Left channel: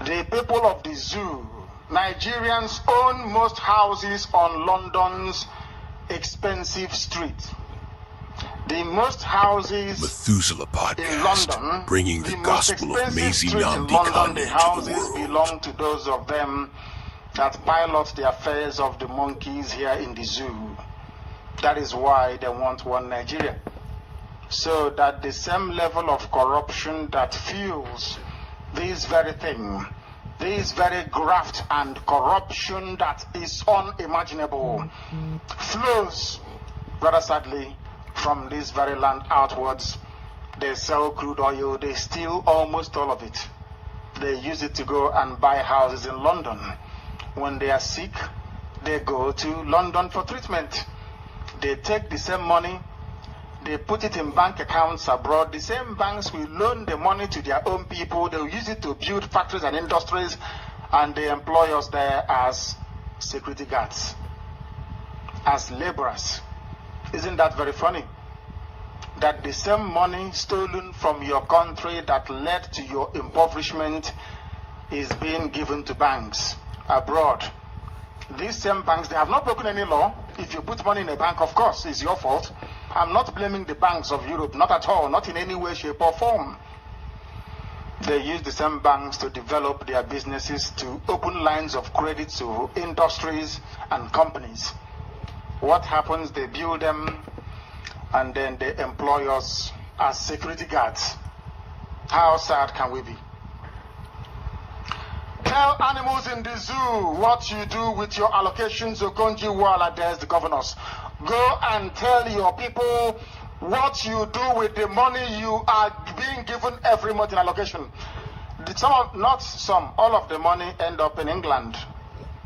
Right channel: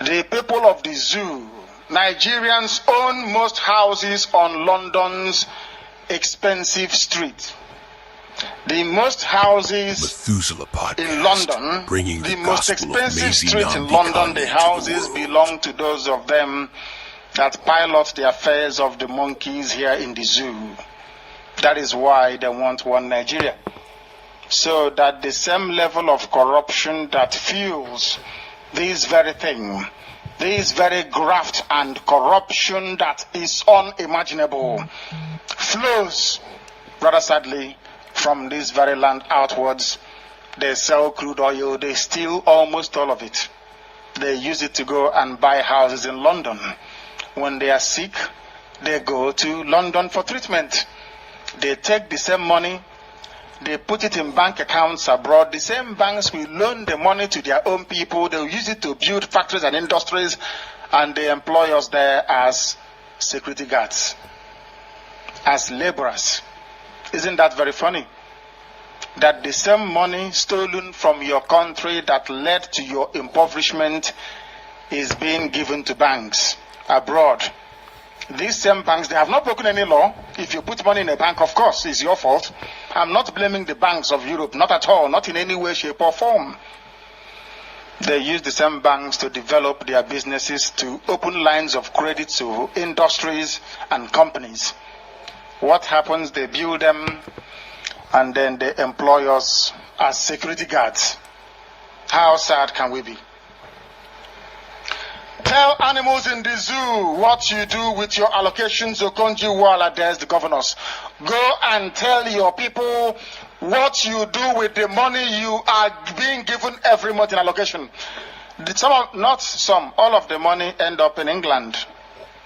The people of the zoo, Nigerians own most houses on London's expensive street. The most houses Methuselah Podcast, in London, bringing the most gospel of expensive Mazi street in nnamdi London, kanu the to the houses world. belong to those of them that pilot the affairs of the monkeys here in the zoo. That is why they want one Nigeria. So that the same level of corruption that fuels this very thing, this very graft and corruption that is unimaginable, flows, rather sadly, from this very land outwards. They sell crude oil, they steal almost all of it. They use it to go and buy houses in London. When they are sick, they go to London for treatment. They take the same money, they put it in bank accounts abroad. The same banks will loan the money to their own people. They will use it to build factories and industries, and they employ us there as security guards, as laborers. Isn't that very funny? That the same money stolen from your country that led to your impoverishment is being given to banks abroad. These same banks, they have not broken any law. If you put money in a bank, of course, it's your fault. I'm not blaming the banks of Europe, not at all, not in any way, shape, or form. They use the same banks to develop their businesses, to open lines of credit to industries and companies. What happens? They build them and then they employ us as security guards. How sad can we be? Tell animals in the zoo what you do with your allocations, Okonji Wala, there's the governors. Go and tell your people what you do with the money you are being given every month in allocation. All of the money end up in England,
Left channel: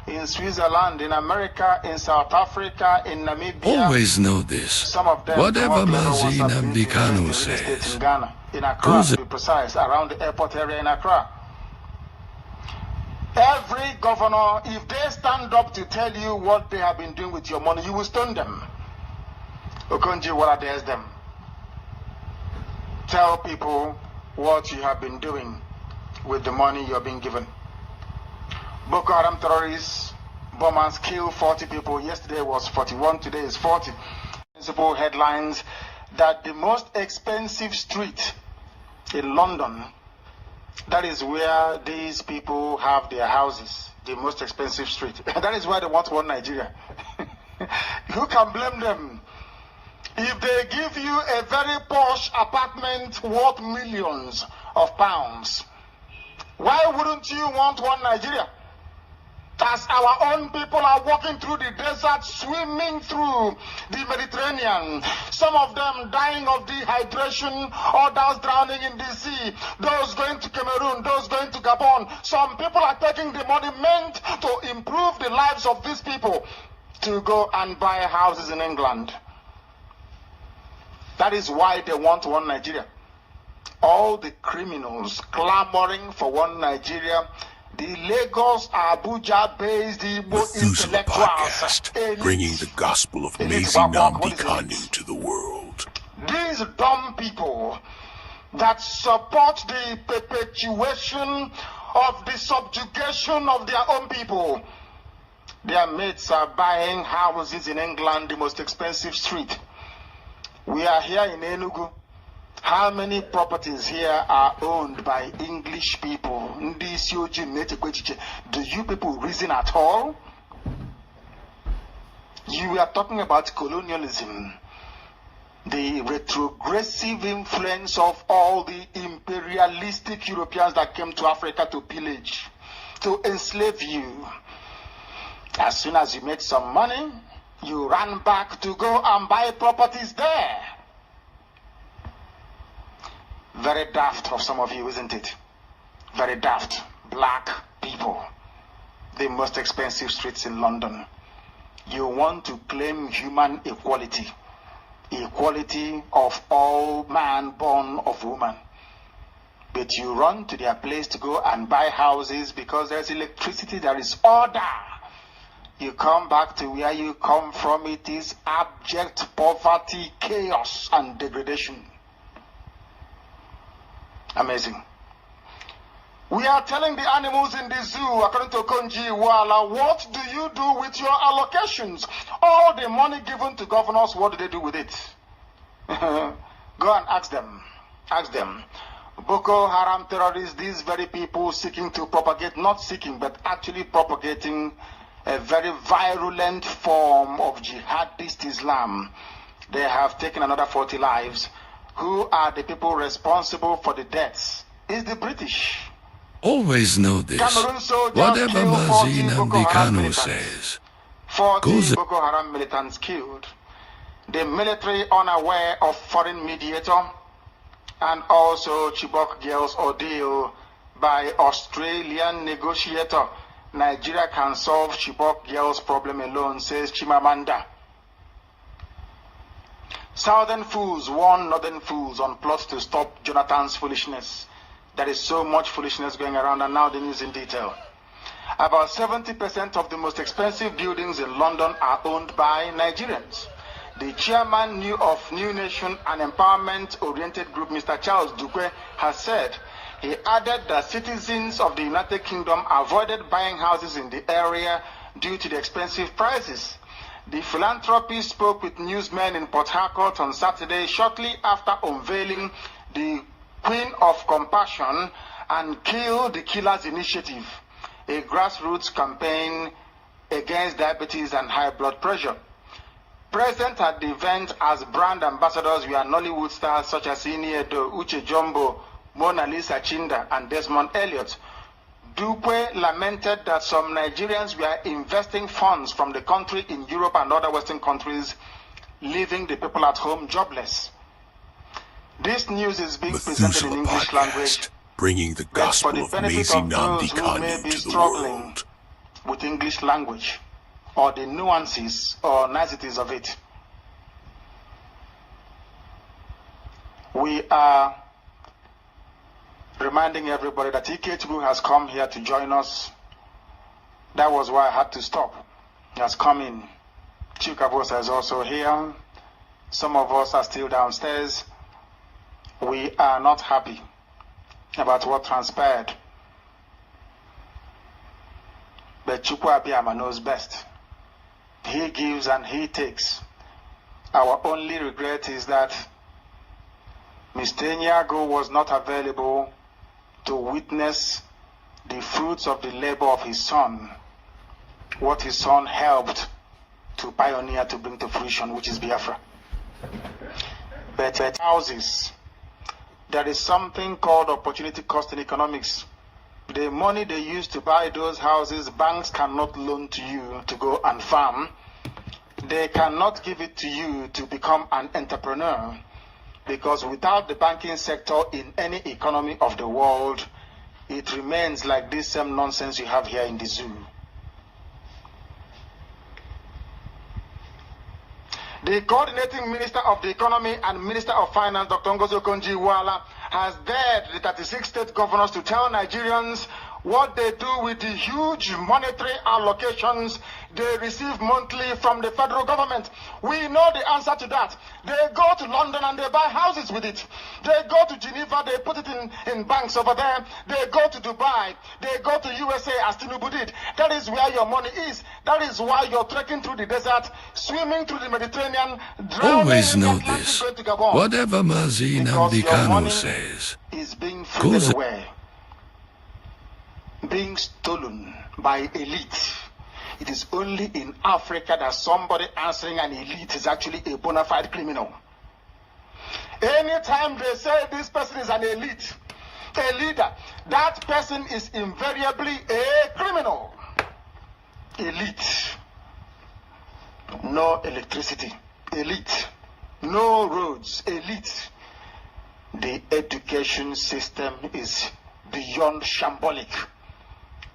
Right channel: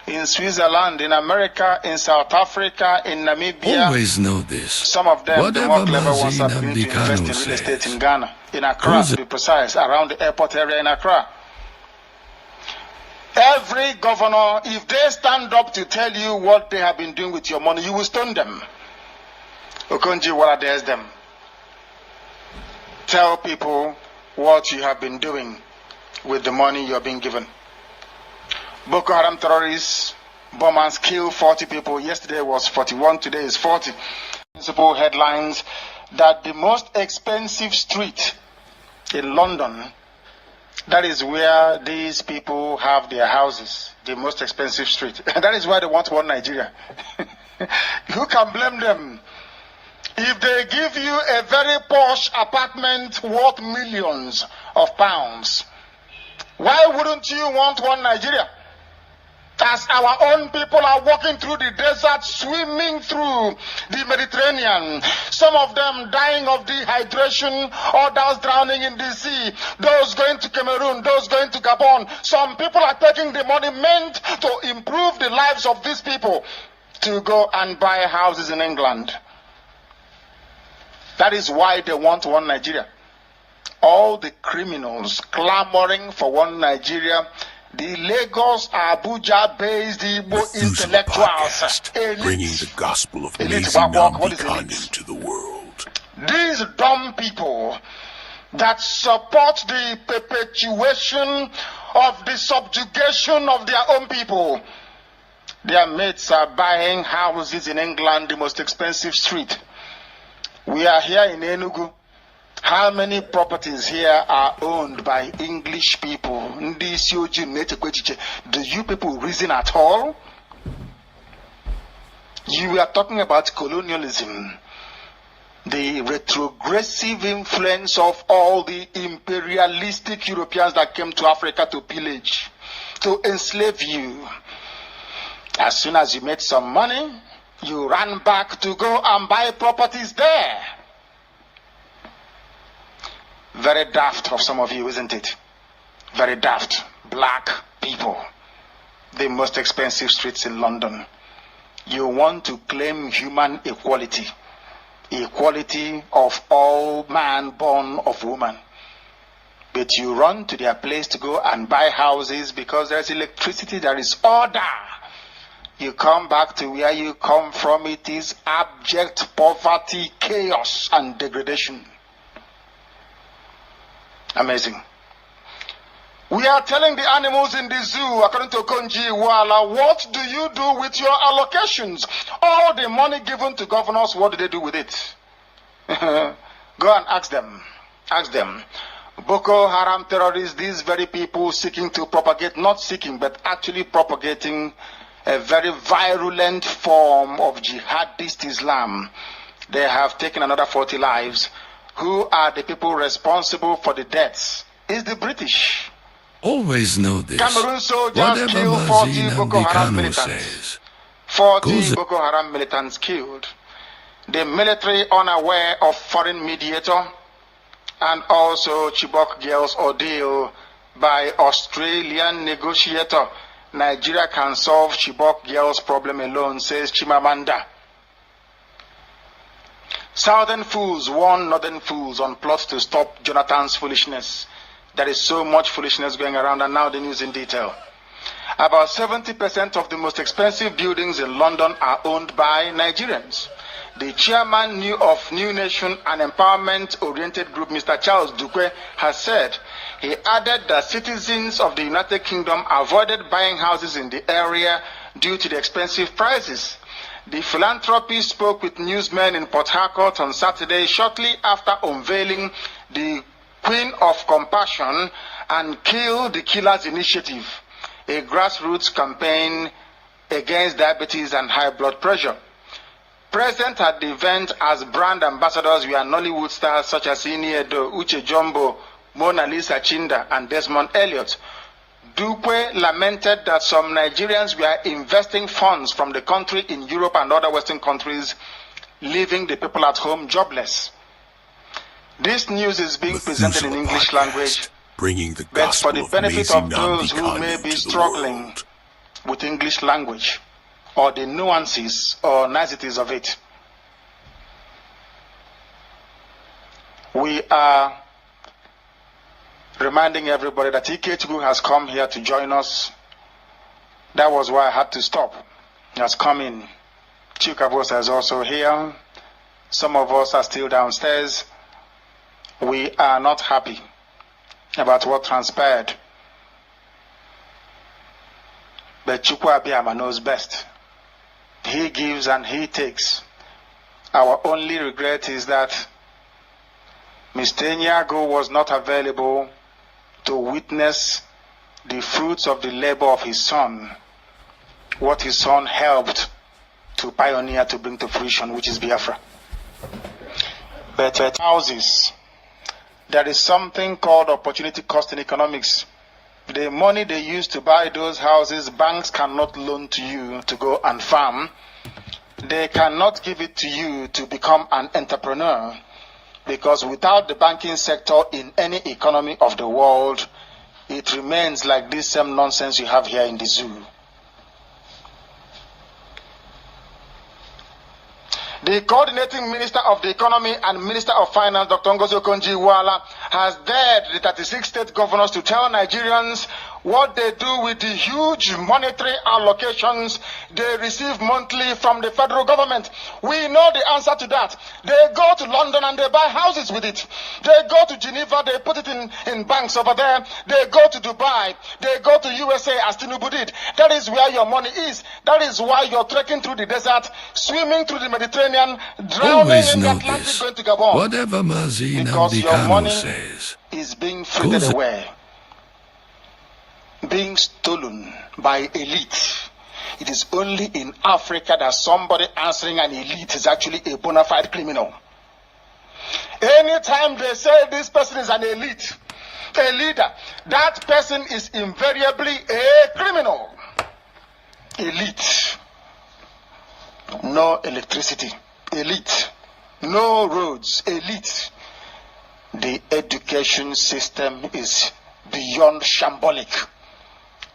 in Switzerland, in America, in South Africa, in Namibia. Always know this. Some of them, whatever Mazi nnamdi nnamdi kanu says, in Ghana, in Accra, to be precise, around the airport area in Accra. Every governor, if they stand up to tell you what they have been doing with your money, you will stone them. Okonji Wala dares them. Tell people what you have been doing with the money you are being given. Boko Haram terrorists, bombers kill 40 people. Yesterday was 41, today is 40. Principal headlines that the most expensive street in London, that is where these people have their houses, the most expensive street. That is why they want one Nigeria. Who can blame them? If they give you a very posh apartment worth millions of pounds, why wouldn't you want one Nigeria? As our own people are walking through the desert, swimming through the Mediterranean, some of them dying of dehydration, others drowning in the sea, those going to Cameroon, those going to Gabon. Some people are taking the money meant to improve the lives of these people to go and buy houses in England. That is why they want one Nigeria. All the criminals clamoring for one Nigeria, the Lagos, Abuja-based Methuselah Podcast, bringing the gospel of Mazi nnamdi kanu to the world. These dumb people that support the perpetuation of the subjugation of their own people, their mates are buying houses in England, the most expensive street. We are here in Enugu. How many properties here are owned by English people? Do you people reason at all? You are talking about colonialism, the retrogressive influence of all the imperialistic Europeans that came to Africa to pillage, to enslave you. As soon as you made some money, you ran back to go and buy properties there. Very daft of some of you, isn't it? Very daft. Black people. The most expensive streets in London. You want to claim human equality. Equality of all man born of woman. But you run to their place to go and buy houses because there's electricity, there is order. You come back to where you come from, it is abject poverty, chaos, and degradation. Amazing. We are telling the animals in the zoo, according to Konji Wala, what do you do with your allocations? All the money given to governors, what do they do with it? Go and ask them. Ask them. Boko Haram terrorists, these very people seeking to propagate, not seeking, but actually propagating a very virulent form of jihadist Islam. They have taken another 40 lives. Who are the people responsible for the deaths? It's the British. Always know this. Whatever Mazi nnamdi Kanu says, 40 Boko Haram militants killed. The military unaware of foreign mediator, and also Chibok girls ordeal by Australian negotiator. Nigeria can solve Chibok girls' problem alone, says Chimamanda. Southern fools warn northern fools on plot to stop Jonathan's foolishness. There is so much foolishness going around, and now the news in detail. About 70% of the most expensive buildings in London are owned by Nigerians. The chairman of New Nation, an empowerment-oriented group, Mr. Charles Dukwe, has said. He added that citizens of the United Kingdom avoided buying houses in the area due to the expensive prices. The philanthropist spoke with newsmen in Port Harcourt on Saturday, shortly after unveiling the Queen of Compassion and Kill the Killers Initiative, a grassroots campaign against diabetes and high blood pressure. Present at the event as brand ambassadors were Nollywood stars such as Iniedo, Uche Jumbo, Mona Lisa Chinda, and Desmond Elliott. Dukwe lamented that some Nigerians were investing funds from the country in Europe and other Western countries, leaving the people at home jobless. This news is being presented in English language, bringing the gospel but for the of benefit Mazi of those nnamdi who may Kanu be to the struggling world. with English language or the nuances or niceties of it. We are reminding everybody that Ikechukwu has come here to join us. That was why I had to stop. He has come in. Chikabos is also here. Some of us are still downstairs. We are not happy about what transpired. But Chukwu Abiyama knows best. He gives and he takes. Our only regret is that Mr. Nyago was not available to witness the fruits of the labor of his son, what his son helped to pioneer, to bring to fruition, which is Biafra. But houses, there is something called opportunity cost in economics. The money they use to buy those houses, banks cannot loan to you to go and farm. They cannot give it to you to become an entrepreneur, because without the banking sector in any economy of the world, it remains like this same nonsense you have here in the zoo. The coordinating Minister of the Economy and Minister of Finance, Dr. Ngozi Okonjo-Iweala, has dared the 36 state governors to tell Nigerians what they do with the huge monetary allocations they receive monthly from the federal government. We know the answer to that. They go to London and they buy houses with it. They go to Geneva, they put it in banks over there. They go to Dubai, they go to USA as Tinubu did. That is where your money is. That is why you're trekking through the desert, swimming through the Mediterranean, drowning Always in the know Atlantic, this. going to Gabon. Whatever Mazi nnamdi Kanu says, is being frittered away, being stolen by elite. It is only in Africa that somebody answering an elite is actually a bona fide criminal. Anytime they say this person is an elite, a leader, that person is invariably a criminal. Elite. No electricity. Elite. No roads. Elite. The education system is beyond shambolic.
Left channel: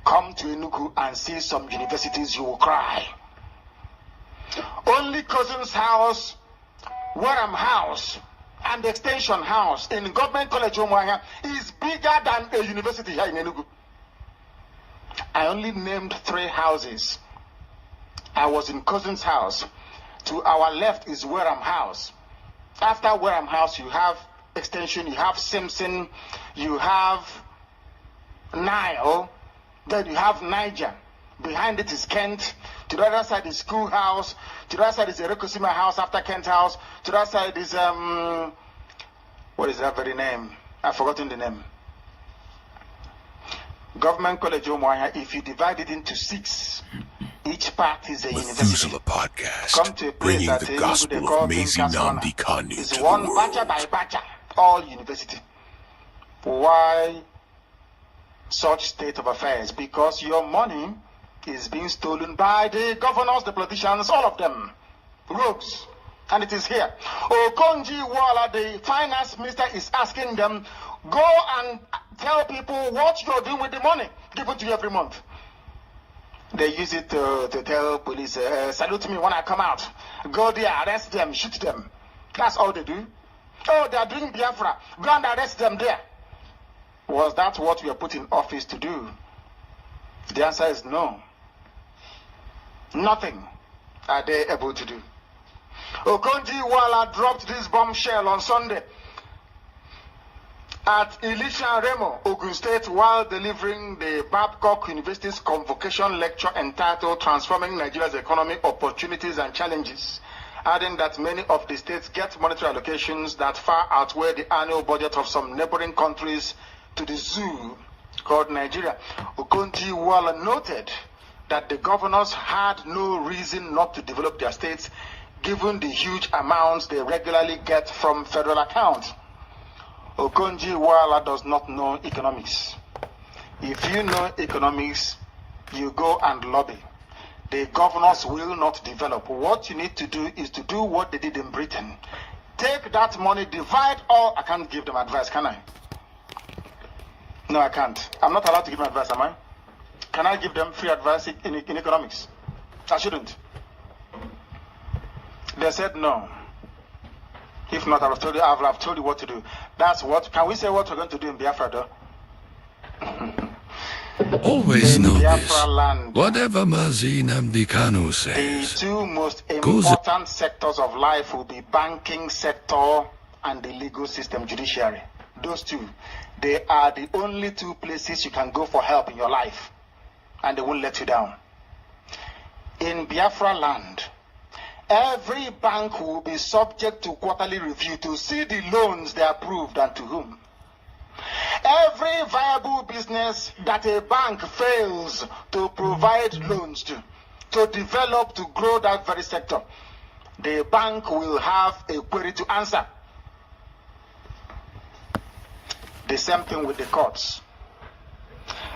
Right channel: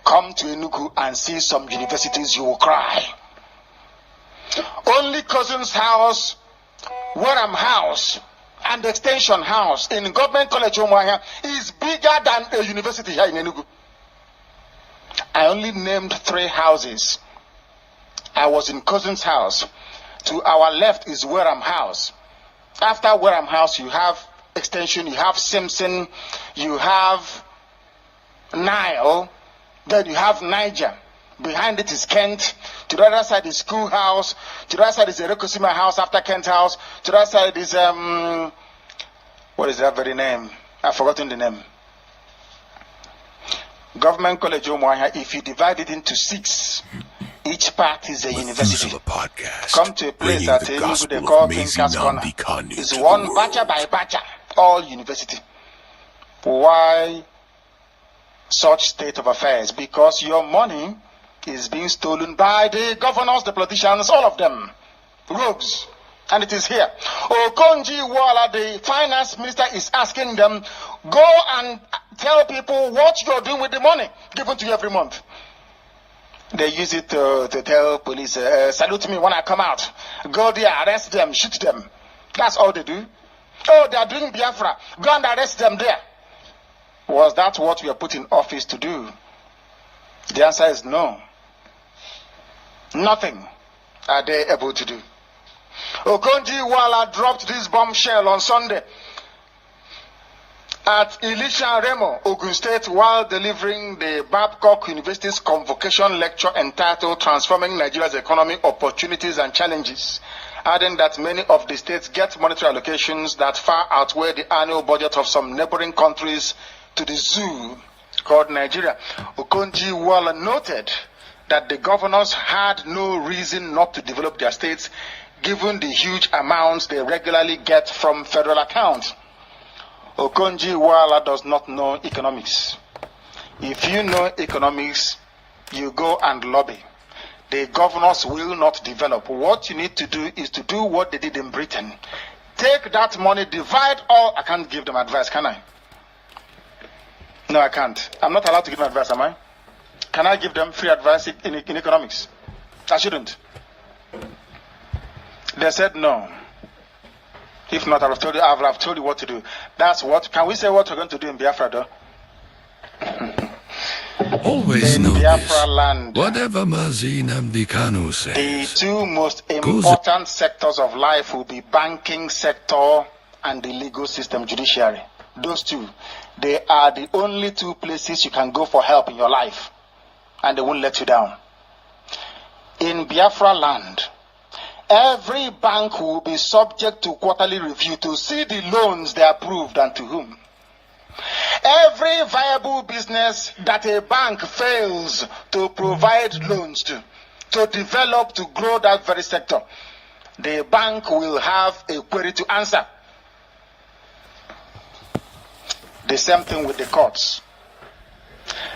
Come to Enugu and see some universities, you will cry. Only Cousin's House, Wareham House, and Extension House in Government College Umuahia is bigger than a university here in Enugu. I only named 3 houses. I was in Cousin's House. To our left is Wareham House. After Wareham House, you have Extension, you have Simpson, you have Nile, then you have Niger. Behind it is Cant. To the other side is Schoolhouse. To the other side is Erekosima House after Kent House. To the other side is, what is that very name? I've forgotten the name. Government College Umuahia, if you divide it into 6, each part is a university. Podcast, come to a place bringing that the gospel they call of Mazi Nnamdi Kanu it's to one the world. batcha by batcha, all university. Why such state of affairs? Because your money is being stolen by the governors, the politicians, all of them, rogues. And it is here. Okonji Wala, the finance minister, is asking them, go and tell people what you're doing with the money given to you every month. They use it to tell police, salute me when I come out. Go there, arrest them, shoot them. That's all they do. Oh, they are doing Biafra. Go and arrest them there. Was that what we are put in office to do? The answer is no. Nothing are they able to do. Okonji Wala dropped this bombshell on Sunday at Elisha Remo, Ogun State, while delivering the Babcock University's convocation lecture entitled Transforming Nigeria's Economy, Opportunities and Challenges, adding that many of the states get monetary allocations that far outweigh the annual budget of some neighboring countries to the zoo called Nigeria. Okonji Wala noted that the governors had no reason not to develop their states given the huge amounts they regularly get from federal accounts. Okonji Wala does not know economics. If you know economics, you go and lobby. The governors will not develop. What you need to do is to do what they did in Britain. Take that money, divide all. I can't give them advice, can I? No, I can't. I'm not allowed to give them advice, am I? Can I give them free advice in economics? I shouldn't. They said no. If not, I would have told you what to do. That's what. Can we say what we're going to do in Biafra, though? Always in know Biafra this. Land, Whatever Mazi Nnamdi Kanu the says, 2 most important sectors of life will be banking sector and the legal system, judiciary. Those 2. They are the only 2 places you can go for help in your life, and they won't let you down. In Biafra land, every bank will be subject to quarterly review to see the loans they approved and to whom. Every viable business that a bank fails to provide loans to develop, to grow that very sector, the bank will have a query to answer. The same thing with the courts.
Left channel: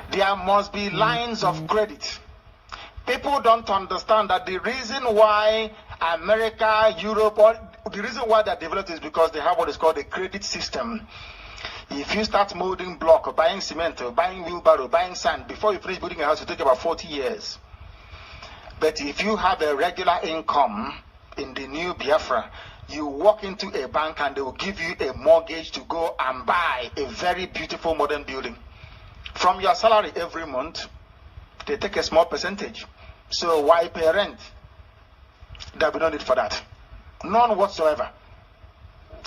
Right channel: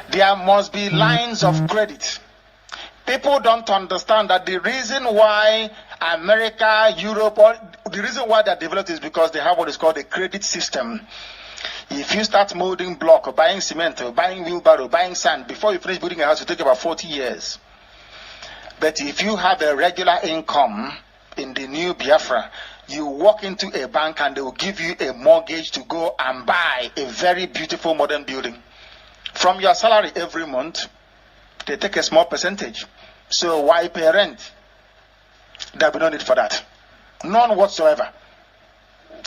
There must be lines of credit. People don't understand that the reason why America, Europe, or the reason why they're developed is because they have what is called a credit system. If you start molding block, or buying cement, or buying wheelbarrow, buying sand, before you finish building a house, it will take about 40 years. But if you have a regular income in the new Biafra, you walk into a bank and they will give you a mortgage to go and buy a very beautiful modern building. From your salary every month, they take a small percentage. So why pay rent? There will be no need for that. None whatsoever.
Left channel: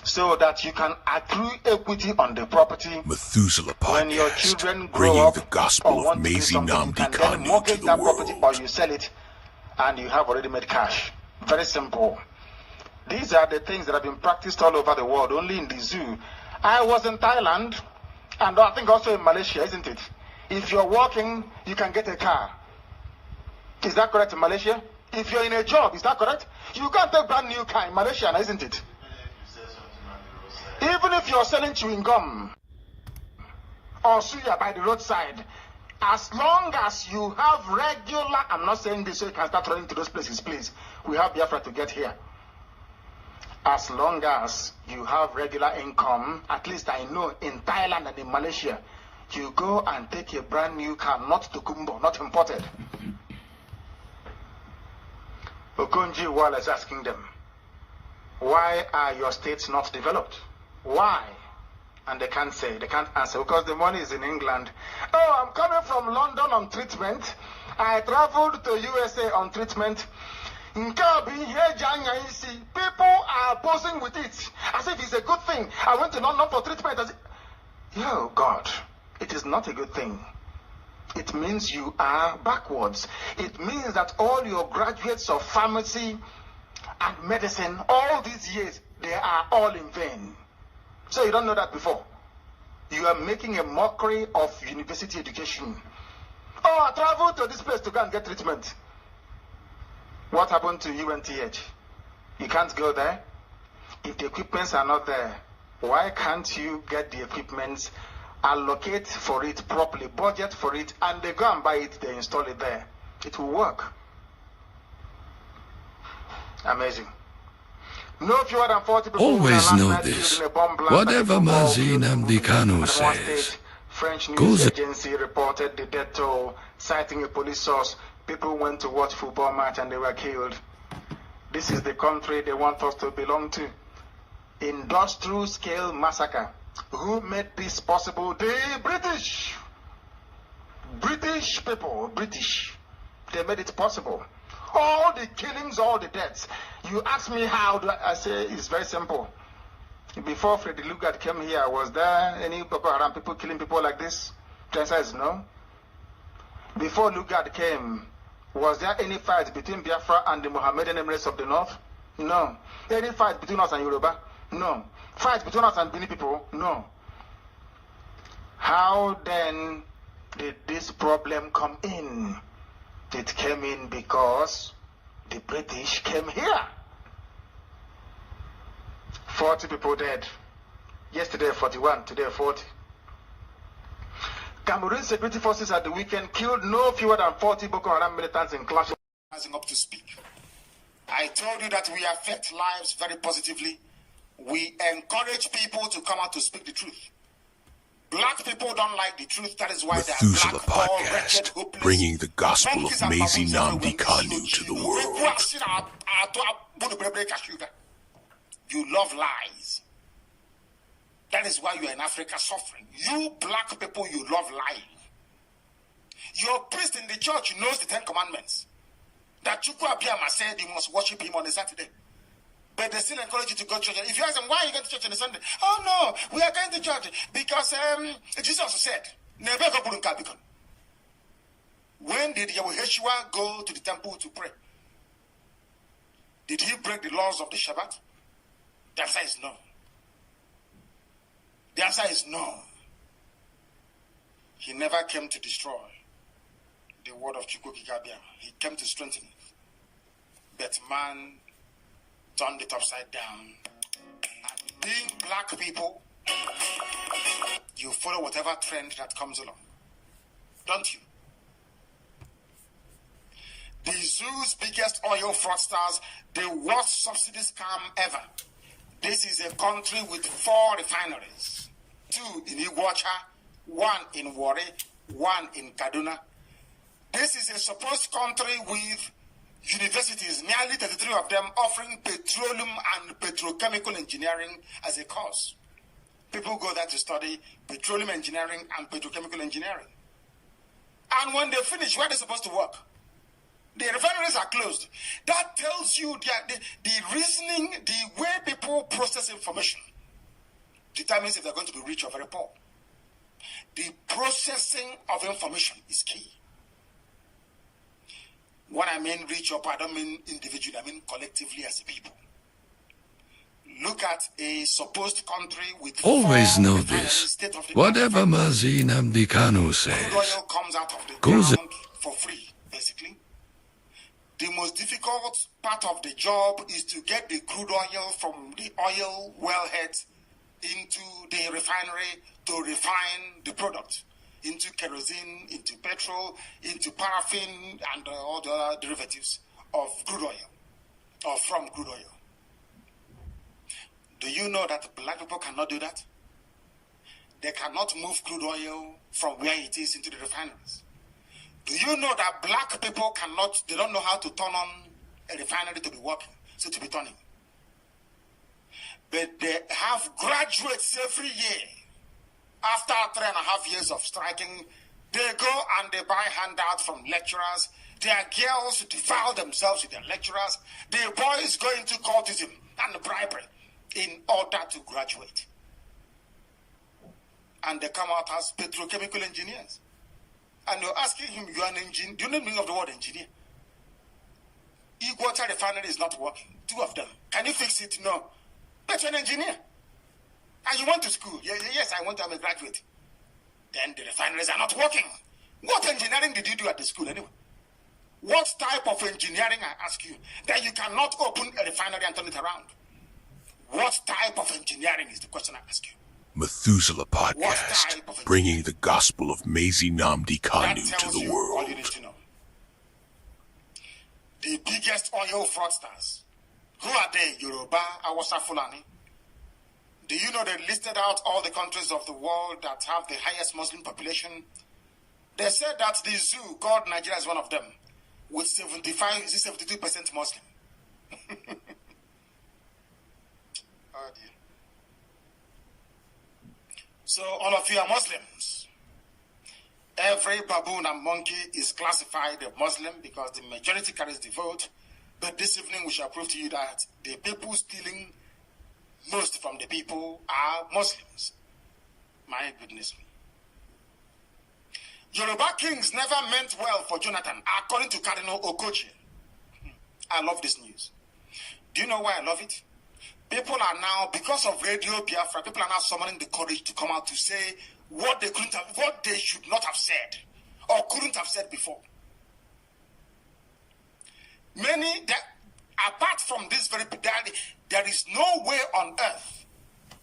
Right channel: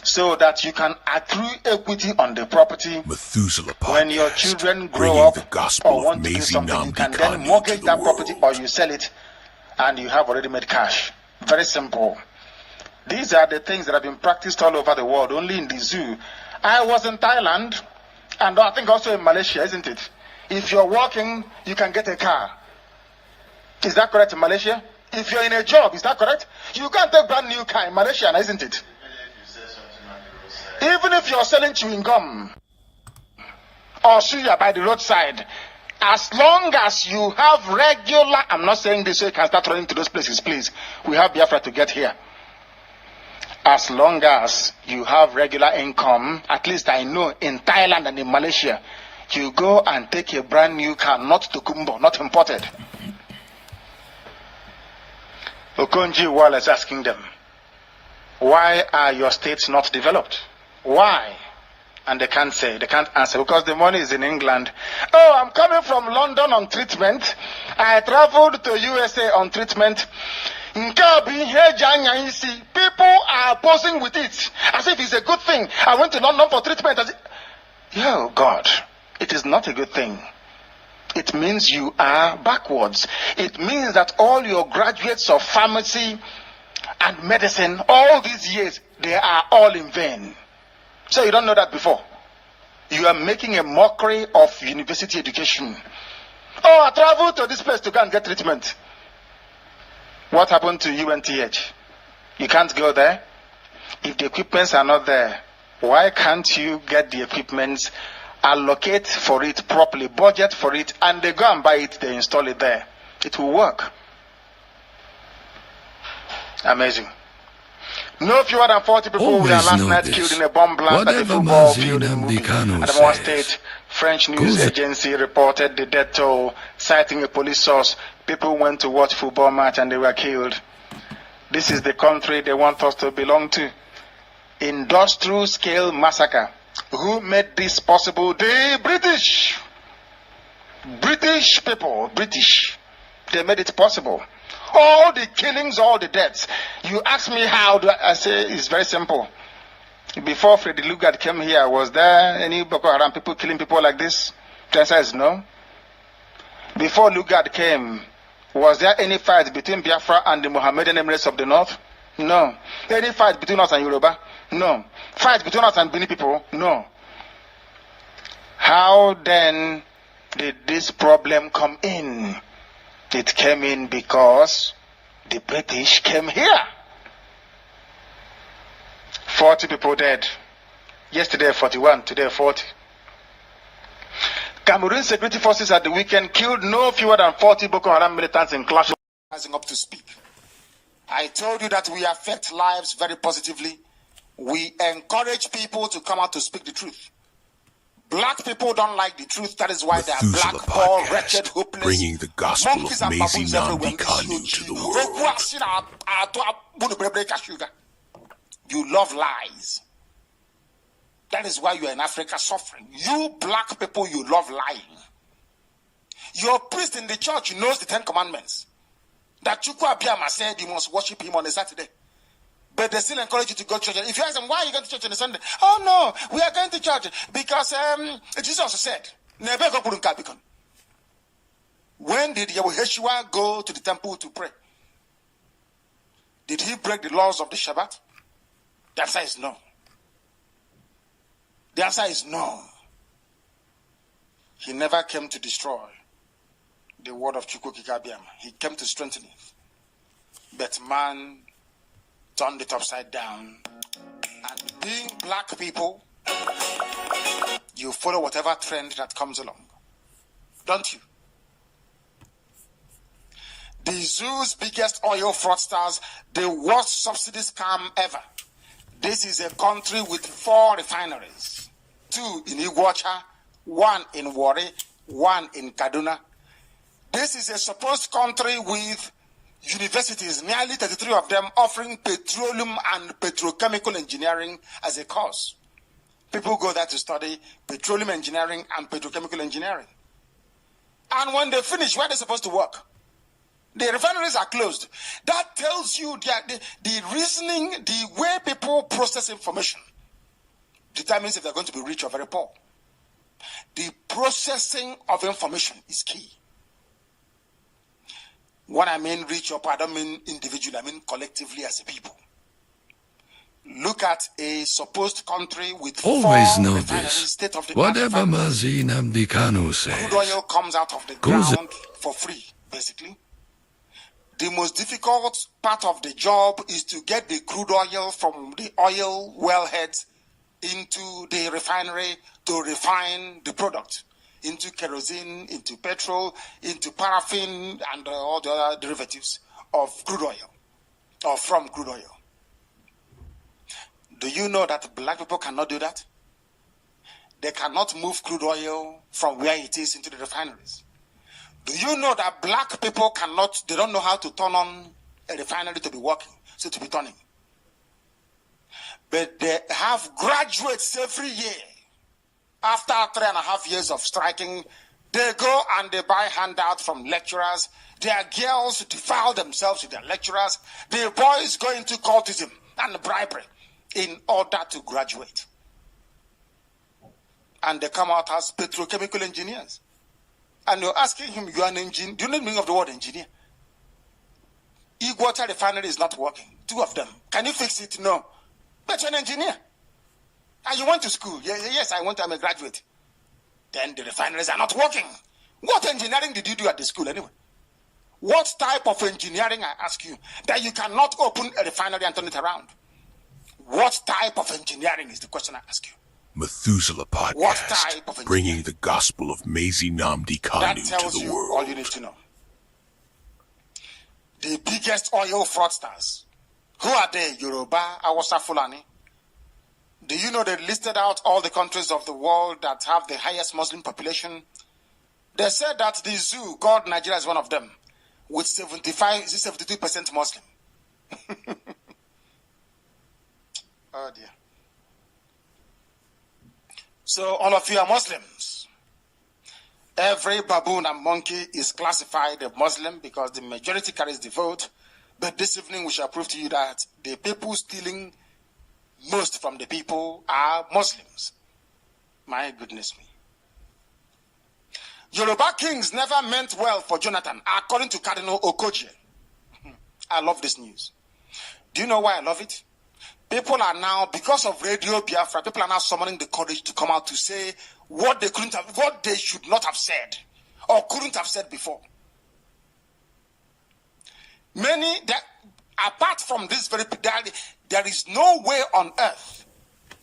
So that you can accrue equity on the property. Methuselah When your Podcast, children grow bringing up the gospel or of want to do Mazi something, you Nnamdi can then Kanu to mortgage the that property or world. you sell it and you have already made cash. Very simple. These are the things that have been practiced all over the world, only in the zoo. I was in Thailand and I think also in Malaysia, isn't it? If you're walking, you can get a car. Is that correct in Malaysia? If you're in a job, is that correct? You can't take a brand new car in Malaysia, isn't it? Even if you're selling chewing gum or suya by the roadside, as long as you have regular, I'm not saying this so you can start running to those places, please. We have Biafra to get here. As long as you have regular income, at least I know in Thailand and in Malaysia, you go and take a brand new car, not Tokumbo, not imported. Okonji Wala is asking them, why are your states not developed? Why? And they can't say, they can't answer because the money is in England. Oh, I'm coming from London on treatment. I traveled to USA on treatment. People are posing with it as if it's a good thing. I went to London for treatment. Oh God, it is not a good thing. it means you are backwards. It means that all your graduates of pharmacy and medicine, all these years, they are all in vain. So you don't know that before. You are making a mockery of university education. Oh, I traveled to this place to go and get treatment. What happened to UNTH? You can't go there? If the equipments are not there, why can't you get the equipments, allocate for it properly, budget for it, and they go and buy it, they install it there? It will work. Amazing. No fewer than 40 people were last night killed in a bomb blast. Whatever Mazi nnamdi Kanu says, French news agency reported the death toll, citing a police source. People went to watch football match and they were killed. This is the country they want us to belong to. Industrial scale massacre. Who made this possible? The British. British people, British. They made it possible. All the killings, all the deaths. You ask me how, I say it's very simple. Before Freddy Lugard came here, was there any Boko Haram people killing people like this? The answer is no. Before Lugard came, was there any fight between Biafra and the Mohammedan Emirates of the North? No. Any fight between us and Yoruba? No. Fight between us and Bini people? No. How then did this problem come in? It came in because the British came here. 40 people dead. Yesterday 41, today 40. Cameroon security forces at the weekend killed no fewer than 40 Boko Haram militants in clashes. Rising up to speak. I told you that we affect lives very positively. We encourage people to come out to speak the truth. Black people don't like the truth. That is why they are black, poor, wretched, hopeless. Bringing the gospel of Mazi nnamdi Kanu to the world. You love lies. That is why you are in Africa suffering. You black people, you love lying. Your priest in the church knows the 10 Commandments. That Chukwu Abiyama said you must worship him on a Saturday. But they still encourage you to go to church. If you ask them, why are you going to church on a Sunday? Oh, no, we are going to church because Jesus said, when did Yeshua go to the temple to pray? Did he break the laws of the Shabbat? The answer is no. The answer is no. He never came to destroy the word of Chukwu Abiyama. He came to strengthen it. But man turned it upside down. And being black people, you follow whatever trend that comes along. Don't you? The zoo's biggest oil fraudsters, the worst subsidy scam ever. This is a country with 4 refineries. 2 in Iguacha, 1 in Warri, 1 in Kaduna. This is a supposed country with universities, nearly 33 of them, offering petroleum and petrochemical engineering as a course. People go there to study petroleum engineering and petrochemical engineering. And when they finish, where are they supposed to work? The refineries are closed. That tells you the reasoning, the way people process information determines if they're going to be rich or very poor. The processing of information is key. When I mean rich or poor, I don't mean individually, I mean collectively as a people. Look at a supposed country with always know this. Whatever Mazi nnamdi Kanu says, crude oil comes out of the ground for free, basically. The most difficult part of the job is to get the crude oil from the oil wellheads into the refinery to refine the product into kerosene, into petrol, into paraffin, and all the other derivatives of crude oil, or from crude oil. Do you know that black people cannot do that? They cannot move crude oil from where it is into the refineries. Do you know that black people cannot, they don't know how to turn on a refinery to be working, so to be turning. But they have graduates every year. After 3.5 years of striking, they go and they buy handouts from lecturers. Their girls defile themselves with their lecturers. The boys go into cultism and bribery in order to graduate. And they come out as petrochemical engineers. And you're asking him, you are an engineer. Do you know the meaning of the word engineer? Water refinery is not working. 2 of them. Can you fix it? No. But you're an engineer. And you went to school. Yes, I'm a graduate. Then the refineries are not working. What engineering did you do at the school anyway? What type of engineering, I ask you, that you cannot open a refinery and turn it around? What type of engineering is the question I ask you? Methuselah Podcast, bringing the gospel of Mazi Nnamdi Kanu to the world. All you need to know. The biggest oil fraudsters. Who are they? Yoruba, Hausa, Fulani. Do you know they listed out all the countries of the world that have the highest Muslim population? They said that the zoo called Nigeria is one of them, with 72% Muslim. Oh dear. So all of you are Muslims. Every baboon and monkey is classified a Muslim because the majority carries the vote. But this evening we shall prove to you that the people stealing most from the people are Muslims. My goodness me. Yoruba kings never meant well for Jonathan, according to Cardinal Okoje. I love this news. Do you know why I love it? People are now, because of Radio Biafra, people are now summoning the courage to come out to say what they should not have said or couldn't have said before. Apart from this there is no way on earth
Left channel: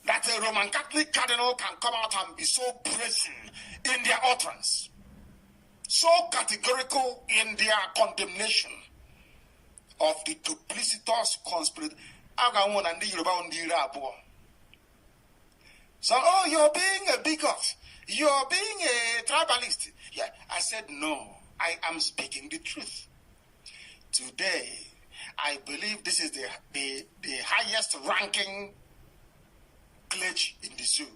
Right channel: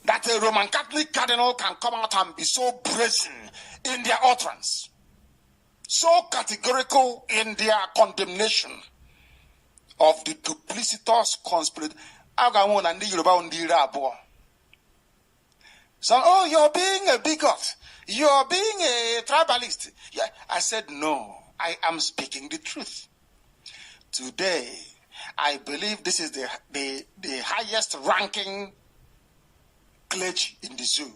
that a Roman Catholic cardinal can come out and be so brazen in their utterance, so categorical in their condemnation of the duplicitous conspiracy. So, you're being a bigot. You're being a tribalist. Yeah, I said, no, I am speaking the truth. Today, I believe this is the highest ranking clergy in the zoo.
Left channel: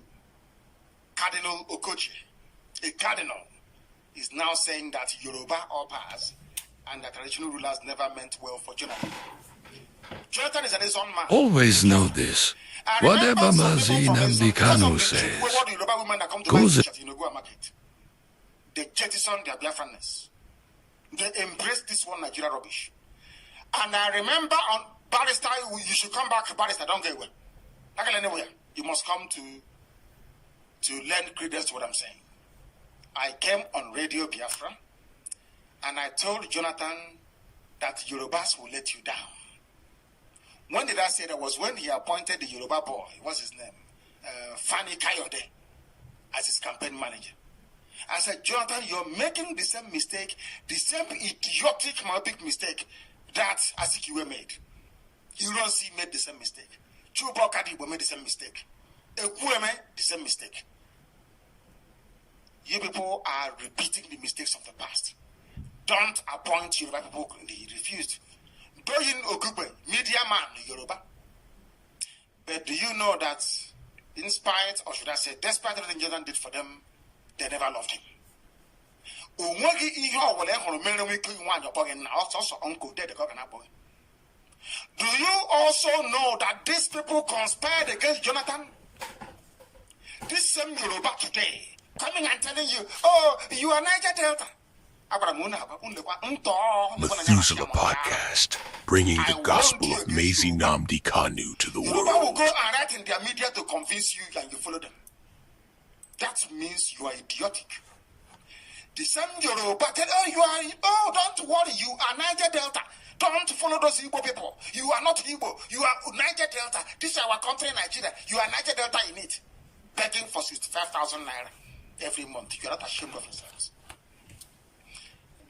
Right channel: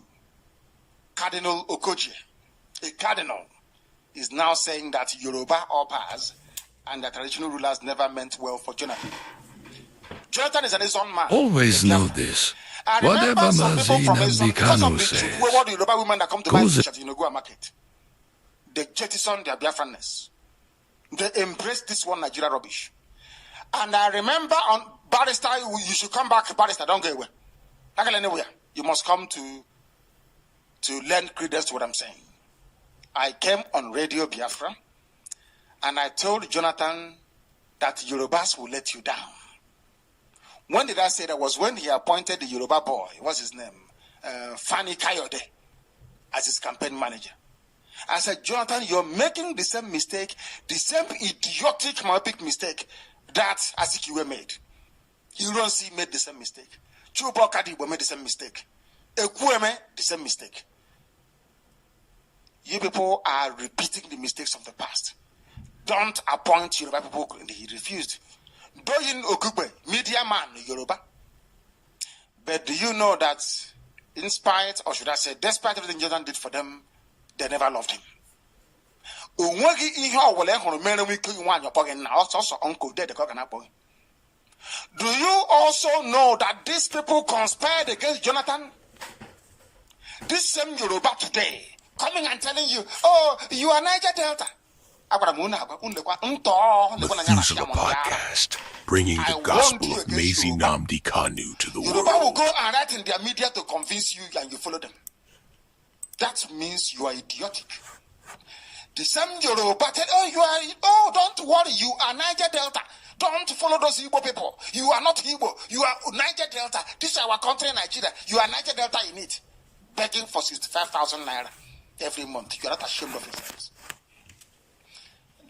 Cardinal Okoje, a cardinal, is now saying that Yoruba Opas and the traditional rulers never meant well for Jonathan. Jonathan is an own man. Always know this. Whatever Mazi nnamdi Kanu says goes at Yonogua market. They jettison their Biafranness. They embrace this one Nigeria rubbish. And I remember on Barrister, you should come back, Barrister, don't go away. Not go anywhere. You must come to lend credence to what I'm saying. I came on Radio Biafra and I told Jonathan that Yorubas will let you down. When did I say that? Was when he appointed the Yoruba boy, what's his name? Fani Kayode, as his campaign manager. I said, Jonathan, you're making the same mistake, the same idiotic, myopic mistake that Azikiwe made. Ironsi made the same mistake. Chubo Kadibo made the same mistake. Ekweme, the same mistake. You people are repeating the mistakes of the past. Don't appoint Yoruba people. He refused. Doyin Ogugbe, media man in Yoruba. But do you know that in spite, or should I say, despite everything Jonathan did for them, they never loved him. Do you also know that these people conspired against Jonathan? This same Yoruba today, coming and telling you, oh, you are Niger Delta. Methuselah Podcast, bringing the gospel of Mazi Nnamdi Kanu to the world. Yoruba will go and write in their media to convince you and you follow them. That means you are idiotic. The same Yoruba said, don't worry, you are Niger Delta. Don't follow those Igbo people. You are not Igbo. You are Niger Delta. This is our country, Nigeria. You are Niger Delta in it. Begging for 65,000 naira every month. You are not ashamed of yourselves.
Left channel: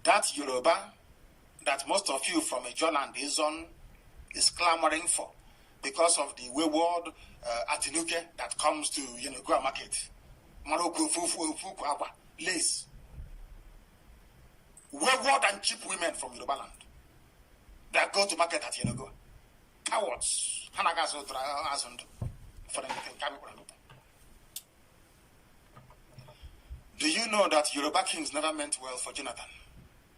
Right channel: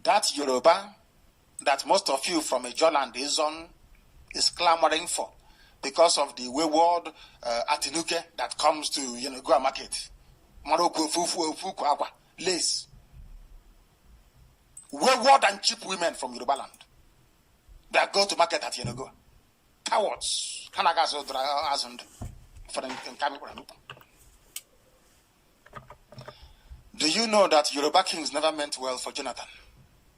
That Yoruba that most of you from Ijoland Izon is clamoring for because of the wayward Atinuke that comes to Yenogoa market. Morocco, Fuku, lace. Wayward and cheap women from Yoruba land that go to market at Yenogoa. Cowards. Do you know that Yoruba kings never meant well for Jonathan?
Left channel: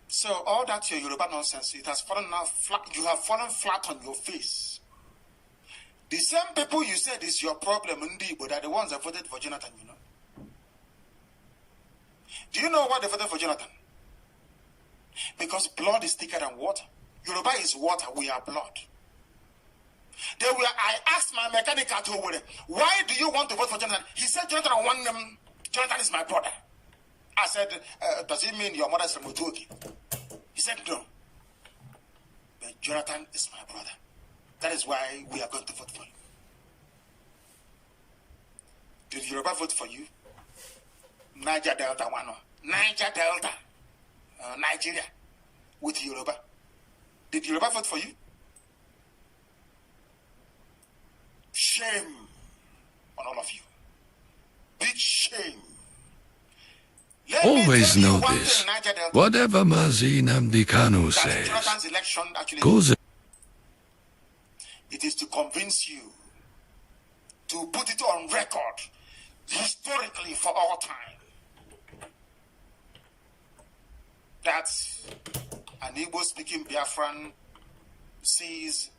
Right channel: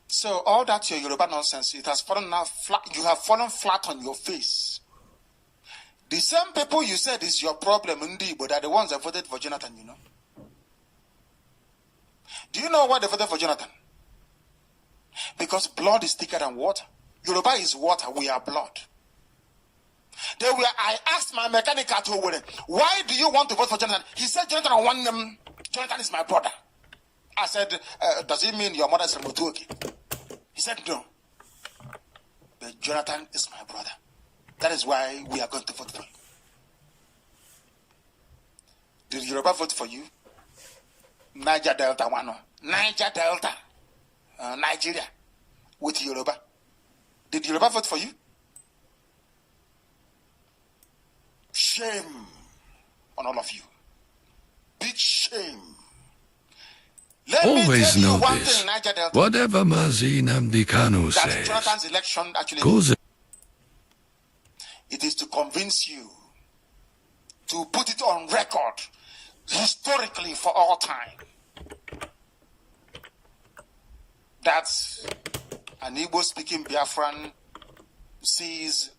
So all that your Yoruba nonsense, it has fallen now flat. You have fallen flat on your face. The same people you said is your problem, Ndi, but are the ones that voted for Jonathan, you know. Do you know why they voted for Jonathan? Because blood is thicker than water. Yoruba is water, we are blood. I asked my mechanic at Owerri, why do you want to vote for Jonathan? He said, Jonathan, I want them. Jonathan is my brother. I said, does it mean your mother is from Otuoki? He said, no. But Jonathan is my brother. That is why we are going to vote for you. Did Yoruba vote for you? Niger Delta, one. Niger Delta. Nigeria. With Yoruba. Did Yoruba vote for you? Shame on all of you. Big shame. Always know this. Whatever Mazi Nnamdi Kanu says goes. It is to convince you, to put it on record, historically for all time, that an Igbo-speaking Biafran sees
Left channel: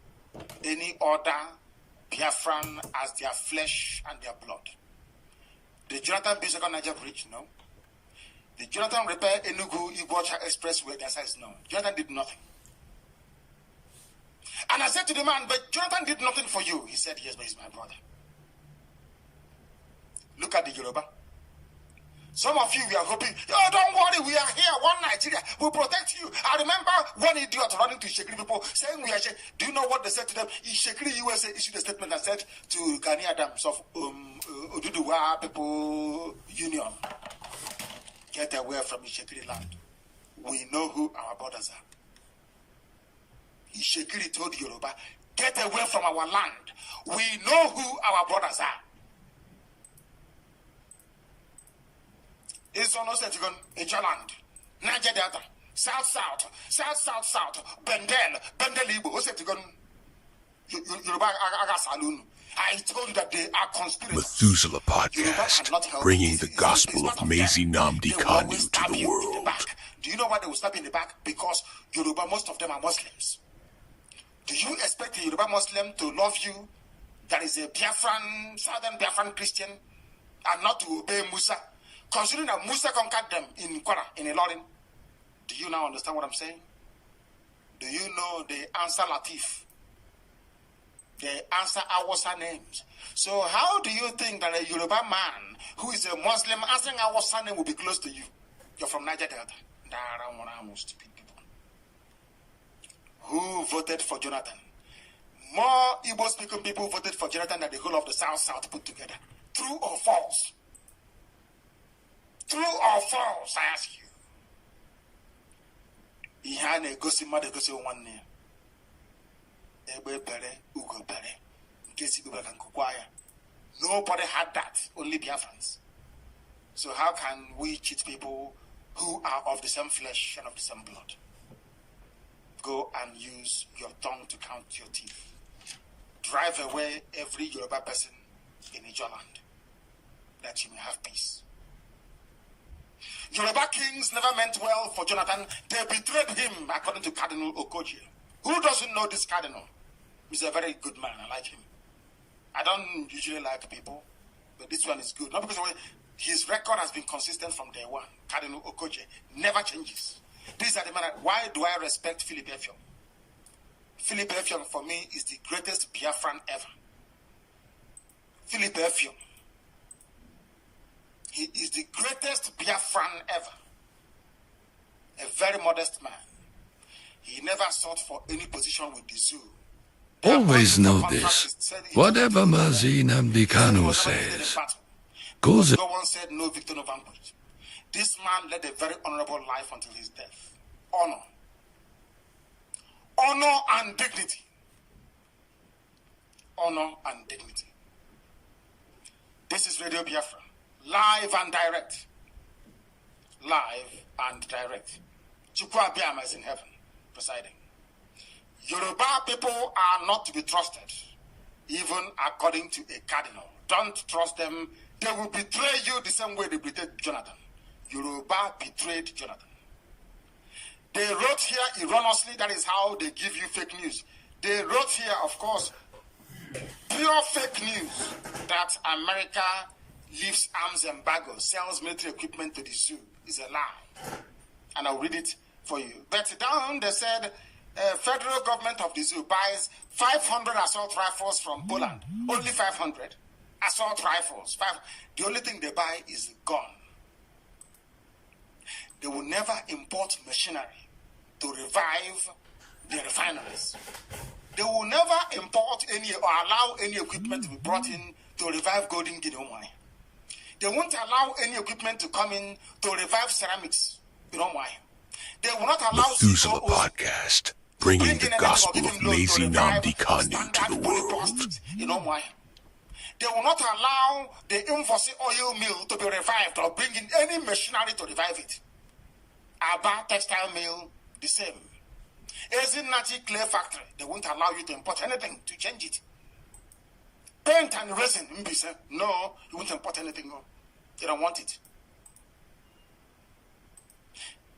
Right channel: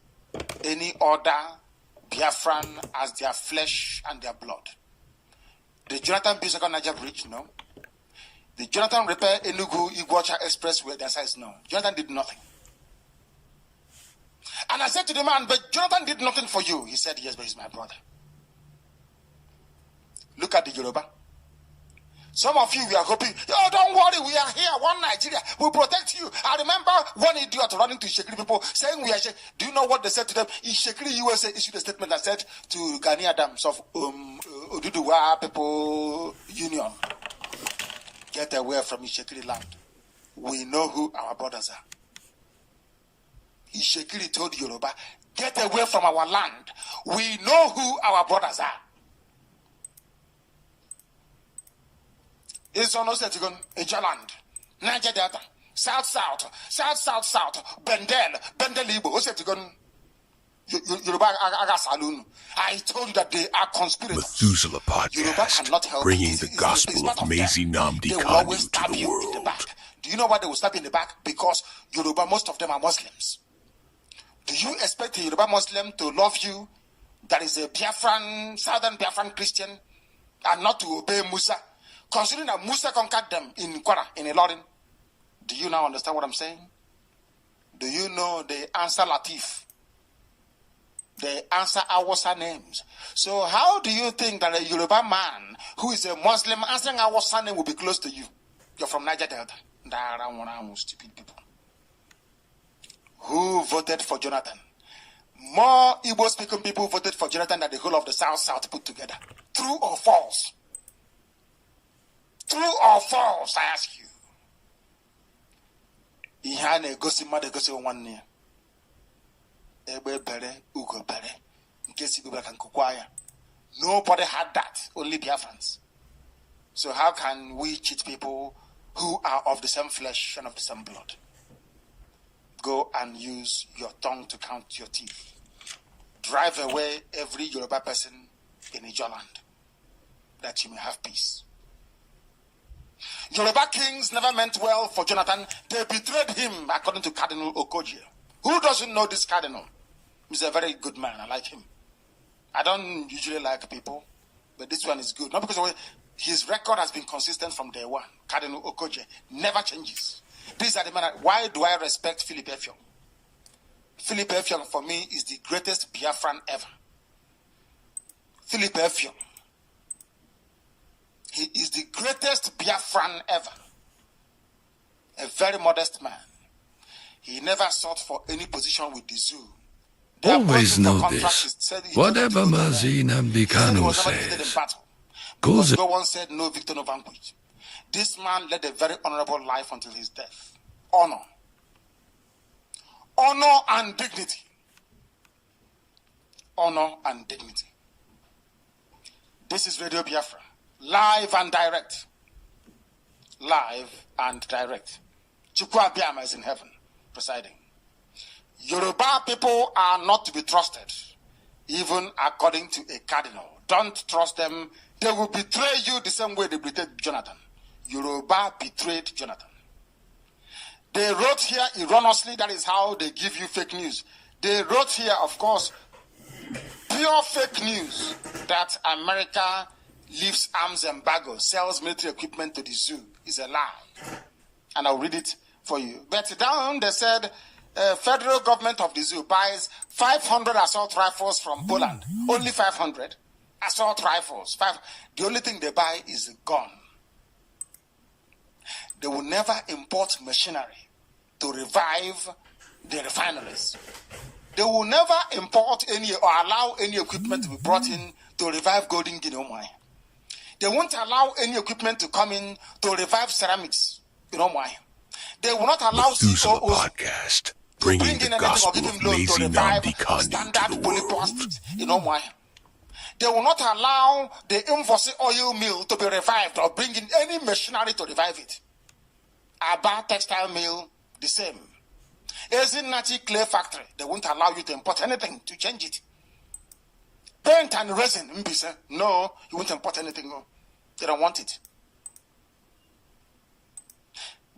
any other Biafran as their flesh and their blood. Did Jonathan build second Niger Bridge? No. Did Jonathan repair Enugu Iguacha Expressway? The answer is no. Jonathan did nothing. And I said to the man, but Jonathan did nothing for you. He said, yes, but he's my brother. Look at the Yoruba. Some of you, we are hoping, oh, don't worry, we are here, one Nigeria, we'll protect you. I remember one idiot running to Ishekiri people saying we are, do you know what they said to them? Ishekiri USA issued a statement that said to Gani Adams of Oduduwa People Union, get away from Ishekiri land. We know who our brothers are. Ishekiri told Yoruba, get away from our land. We know who our brothers are. It's almost like Ejaland, Niger Delta, South, Bendel Igbo. What's it going? Yoruba Aga Saloon. I told you that they are conspirators. Methuselah Podcast, bringing the gospel of Mazi Nnamdi Kanu to the world. Do you know why they will stab you in the back? Because Yoruba, most of them are Muslims. Do you expect a Yoruba Muslim to love you that is a Biafran, Southern Biafran Christian, and not to obey Musa? Considering that Musa conquered them in Kwara, in Ilorin. Do you now understand what I'm saying? Do you know they answer Latif? They answer Awasa names. So how do you think that a Yoruba man who is a Muslim answering Awasa name will be close to you? You're from Niger Delta. Stupid people. Who voted for Jonathan? More Igbo-speaking people voted for Jonathan than the whole of the South put together. True or false? True or false, I ask you. Ihane gosi made gosi one Ebe bere, ugo bere. Nkesi bebe kan kukwaya. Nobody had that, only Biafrans. So how can we cheat people who are of the same flesh and of the same blood? Go and use your tongue to count your teeth. Drive away every Yoruba person in Ijoland, that you may have peace. Yoruba kings never meant well for Jonathan. They betrayed him, according to Cardinal Okoje. Who doesn't know this cardinal? He's a very good man. I like him. I don't usually like people, but this one is good. Not because of his record has been consistent from day one. Cardinal Okoje never changes. These are the men. Why do I respect Philip Effiong? Philip Effiong, for me, is the greatest Biafran ever. Philip Effiong. He is the greatest Biafran ever. A very modest man. He never sought for any position with the zoo. Always know this. Whatever Mazi Nnamdi Kanu says goes. No one said no victor, no vanquish. This man led a very honorable life until his death. Honor. Honor and dignity. Honor and dignity. This is Radio Biafra. Live and direct. Live and direct. Chukwu Abiyama is in heaven, presiding. Yoruba people are not to be trusted, even according to a cardinal. Don't trust them. They will betray you the same way they betrayed Jonathan. Yoruba betrayed Jonathan. They wrote here erroneously, that is how they give you fake news. They wrote here, of course, pure fake news that America leaves arms embargo, sells military equipment to the zoo is a lie. And I'll read it for you. But down, they said, federal government of the zoo buys 500 assault rifles from Poland. Only 500 assault rifles. The only thing they buy is a gun. They will never import machinery to revive the refineries. They will never import any or allow any equipment to be brought in to revive Golden Guinea wine. They won't allow any equipment to come in to revive ceramics. You know why? They will not allow Methuselah Podcast, bringing the gospel of Mazi Nnamdi Kanu to the world. You know why? They will not allow the Invosi oil mill to be revived or bring in any machinery to revive it. Aba textile mill, the same. Ezinati clay factory, they won't allow you to import anything to change it. Paint and resin, no, you won't import anything. No. They don't want it.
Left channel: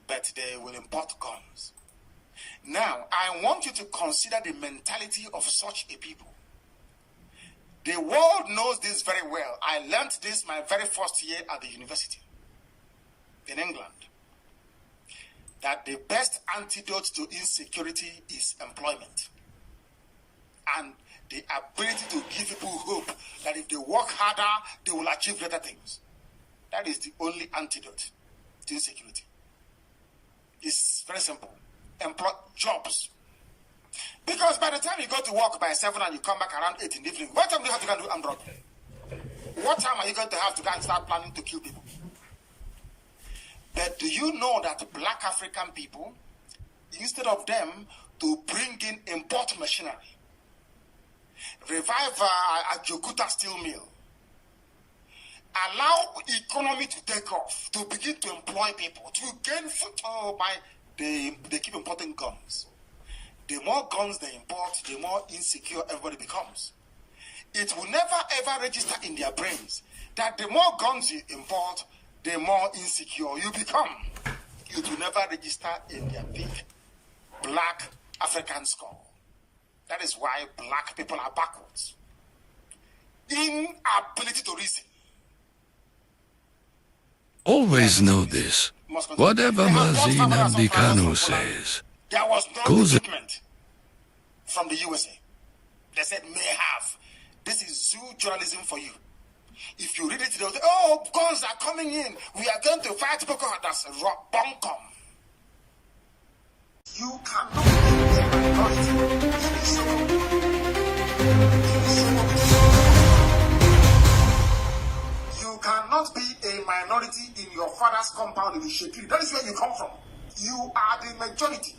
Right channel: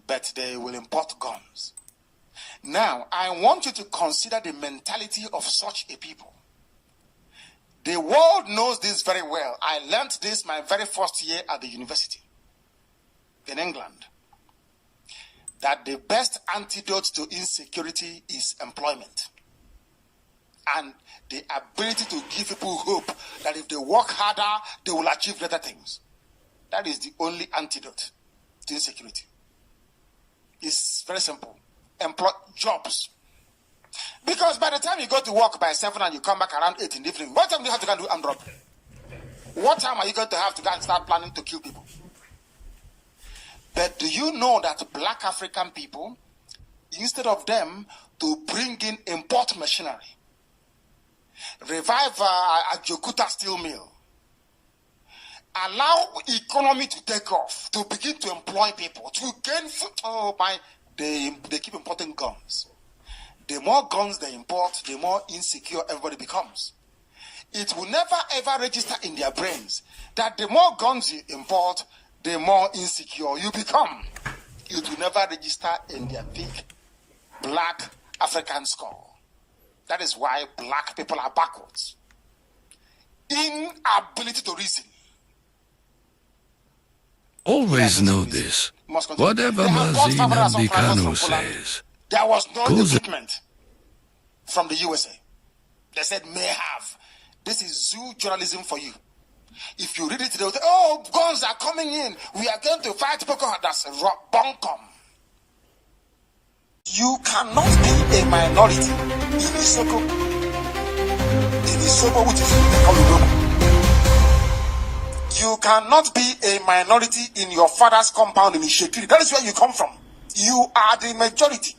But they will import guns. Now, I want you to consider the mentality of such a people. The world knows this very well. I learned this my very first year at the university in England. That the best antidote to insecurity is employment. And the ability to give people hope that if they work harder, they will achieve better things. That is the only antidote to insecurity. It's very simple. Employ jobs. Because by the time you go to work by 7 and you come back around 8 in the evening, what time do you have to go and do armed robbery? What time are you going to have to go and start planning to kill people? But do you know that black African people, instead of them to bring in import machinery, revive a Jokuta steel mill, allow economy to take off, to begin to employ people, to gain food, they keep importing guns. The more guns they import, the more insecure everybody becomes. It will never ever register in their brains that the more guns you import, the more insecure you become. It will never register in their big black African skull. That is why black people are backwards. Inability to reason. Always know this. Whatever Mazi Nnamdi Kanu says, there was no equipment from the USA. They said may have. This is zoo journalism for you. If you read it, they'll say, oh, guns are coming in. We are going to fight Boko Haram. That's bunkum. You cannot be a minority in Isoko. In Isoko, which is Olugono. You cannot be a minority in your father's compound in Ishekiri. That is where you come from. You are the majority.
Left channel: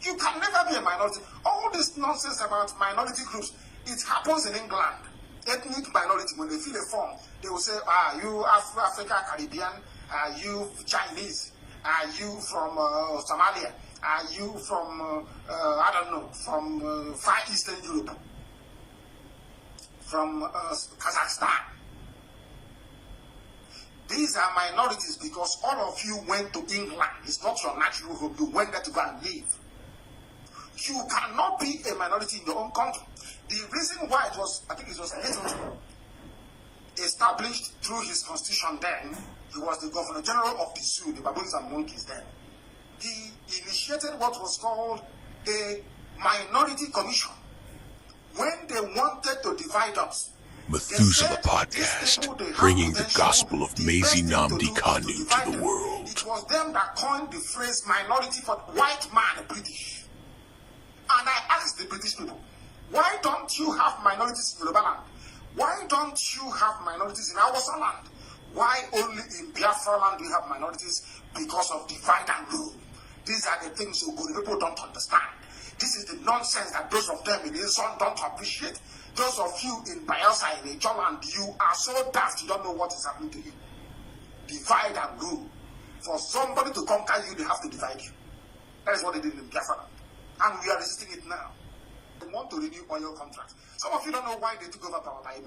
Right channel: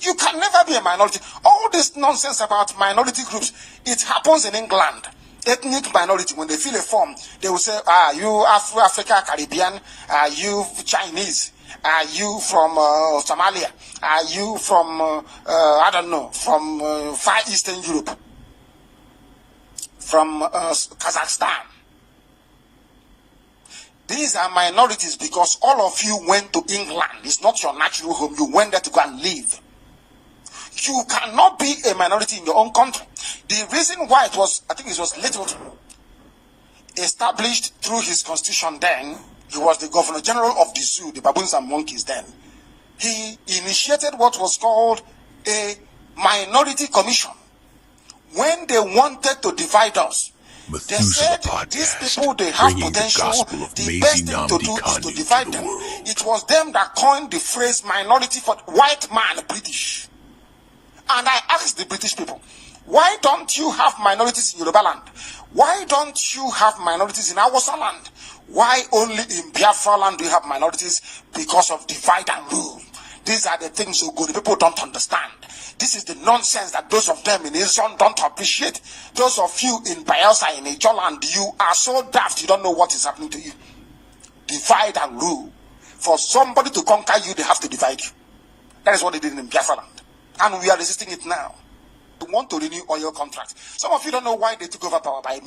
You can never be a minority. All this nonsense about minority groups, it happens in England. Ethnic minority, when they fill a form, they will say, you Africa, Caribbean, you Chinese, you from Somalia, you from, I don't know, from Far Eastern Europe, from Kazakhstan. These are minorities because all of you went to England. It's not your natural home. You went there to go and live. You cannot be a minority in your own country. The reason why it was, I think it was Littleton, established through his constitution then, he was the Governor General of the zoo, the baboons and monkeys then. He initiated what was called a minority commission. When they wanted to divide us, Methuselah Podcast, bringing the gospel of Mazi Nnamdi Kanu to the world. It was them that coined the phrase minority for white man, British. And I asked the British people, why don't you have minorities in Yoruba land? Why don't you have minorities in Hausa land? Why only in Biafra land do you have minorities? Because of divide and rule. These are the things so good people don't understand. This is the nonsense that those of them in Israel don't appreciate. Those of you in Bayelsa, in Ijoland, you are so daft you don't know what is happening to you. Divide and rule. For somebody to conquer you, they have to divide you. That is what they did in Biafra land. And we are resisting it now. We want to renew oil contracts. Some of you don't know why they took over power by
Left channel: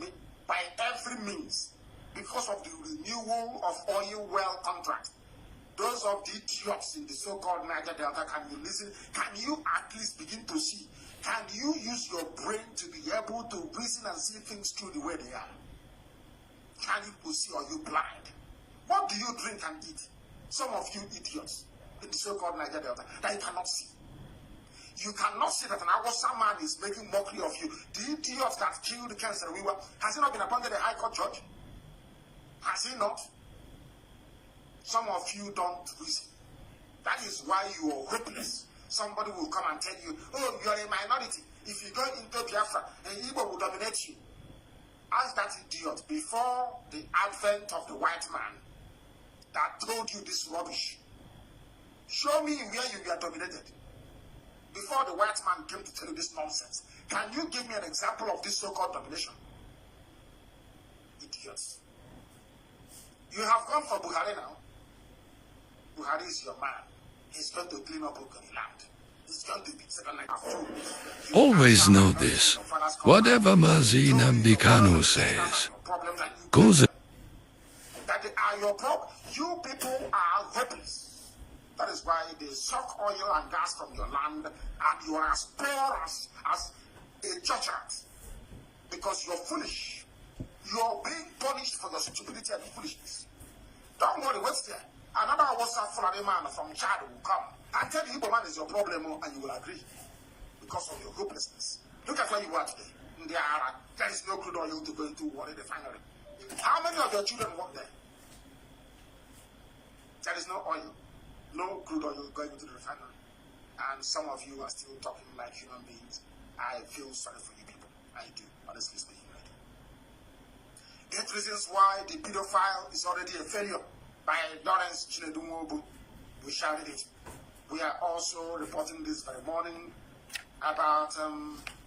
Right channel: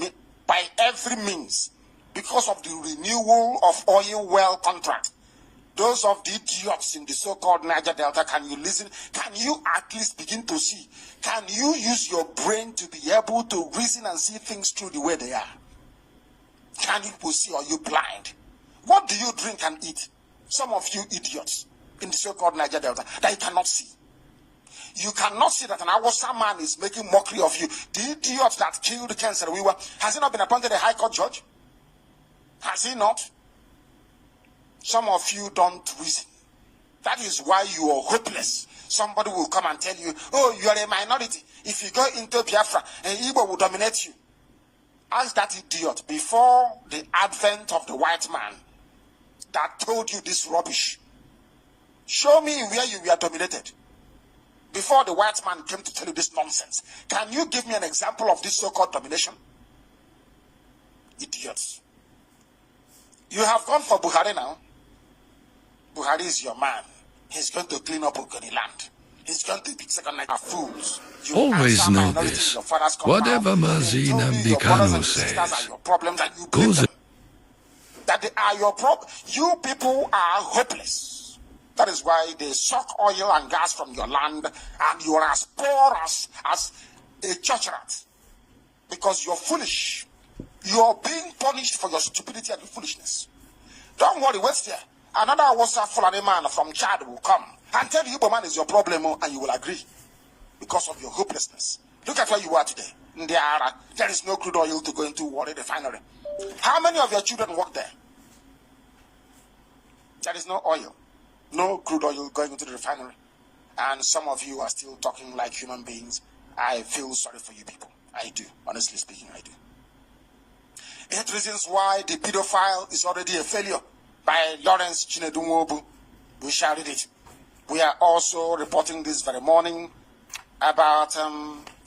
every means. Because of the renewal of oil well contract. Those of the idiots in the so-called Niger Delta, can you listen? Can you at least begin to see? Can you use your brain to be able to reason and see things through the way they are? Can you see or you blind? What do you drink and eat? Some of you idiots in the so-called Niger Delta that you cannot see. You cannot see that an Awasa man is making mockery of you. The idiot that killed Cant, has he not been appointed a high court judge? Has he not? Some of you don't reason. That is why you are hopeless. Somebody will come and tell you, oh, you are a minority. If you go into Biafra, and Igbo will dominate you. Ask that idiot before the advent of the white man that told you this rubbish. Show me where you were dominated. Before the white man came to tell you this nonsense. Can you give me an example of this so-called domination? Idiots. You have come for Buhari now. Buhari is your man. He's going to clean up Ogoni land. He's going to be second night of fools. Always know this. Whatever Mazi nnamdi Kanu says goes. That they are your problem. You people are hopeless. That is why they suck oil and gas from your land, and you are as poor as a church rat. Because you're foolish. You're being punished for your stupidity and foolishness. Don't worry, wait there. Another Awasa Fulani man from Chad will come and tell you, Igbo man is your problem, and you will agree because of your hopelessness. Look at where you are today. There is no crude oil to go into Warri refinery. How many of your children work there? There is no oil, no crude oil going into the refinery. And some of you are still talking like human beings. I feel sorry for you people. I do. Honestly speaking, I do. 8 reasons why the pedophile is already a failure by Lawrence Chinedu. We shall read it. We are also reporting this very morning about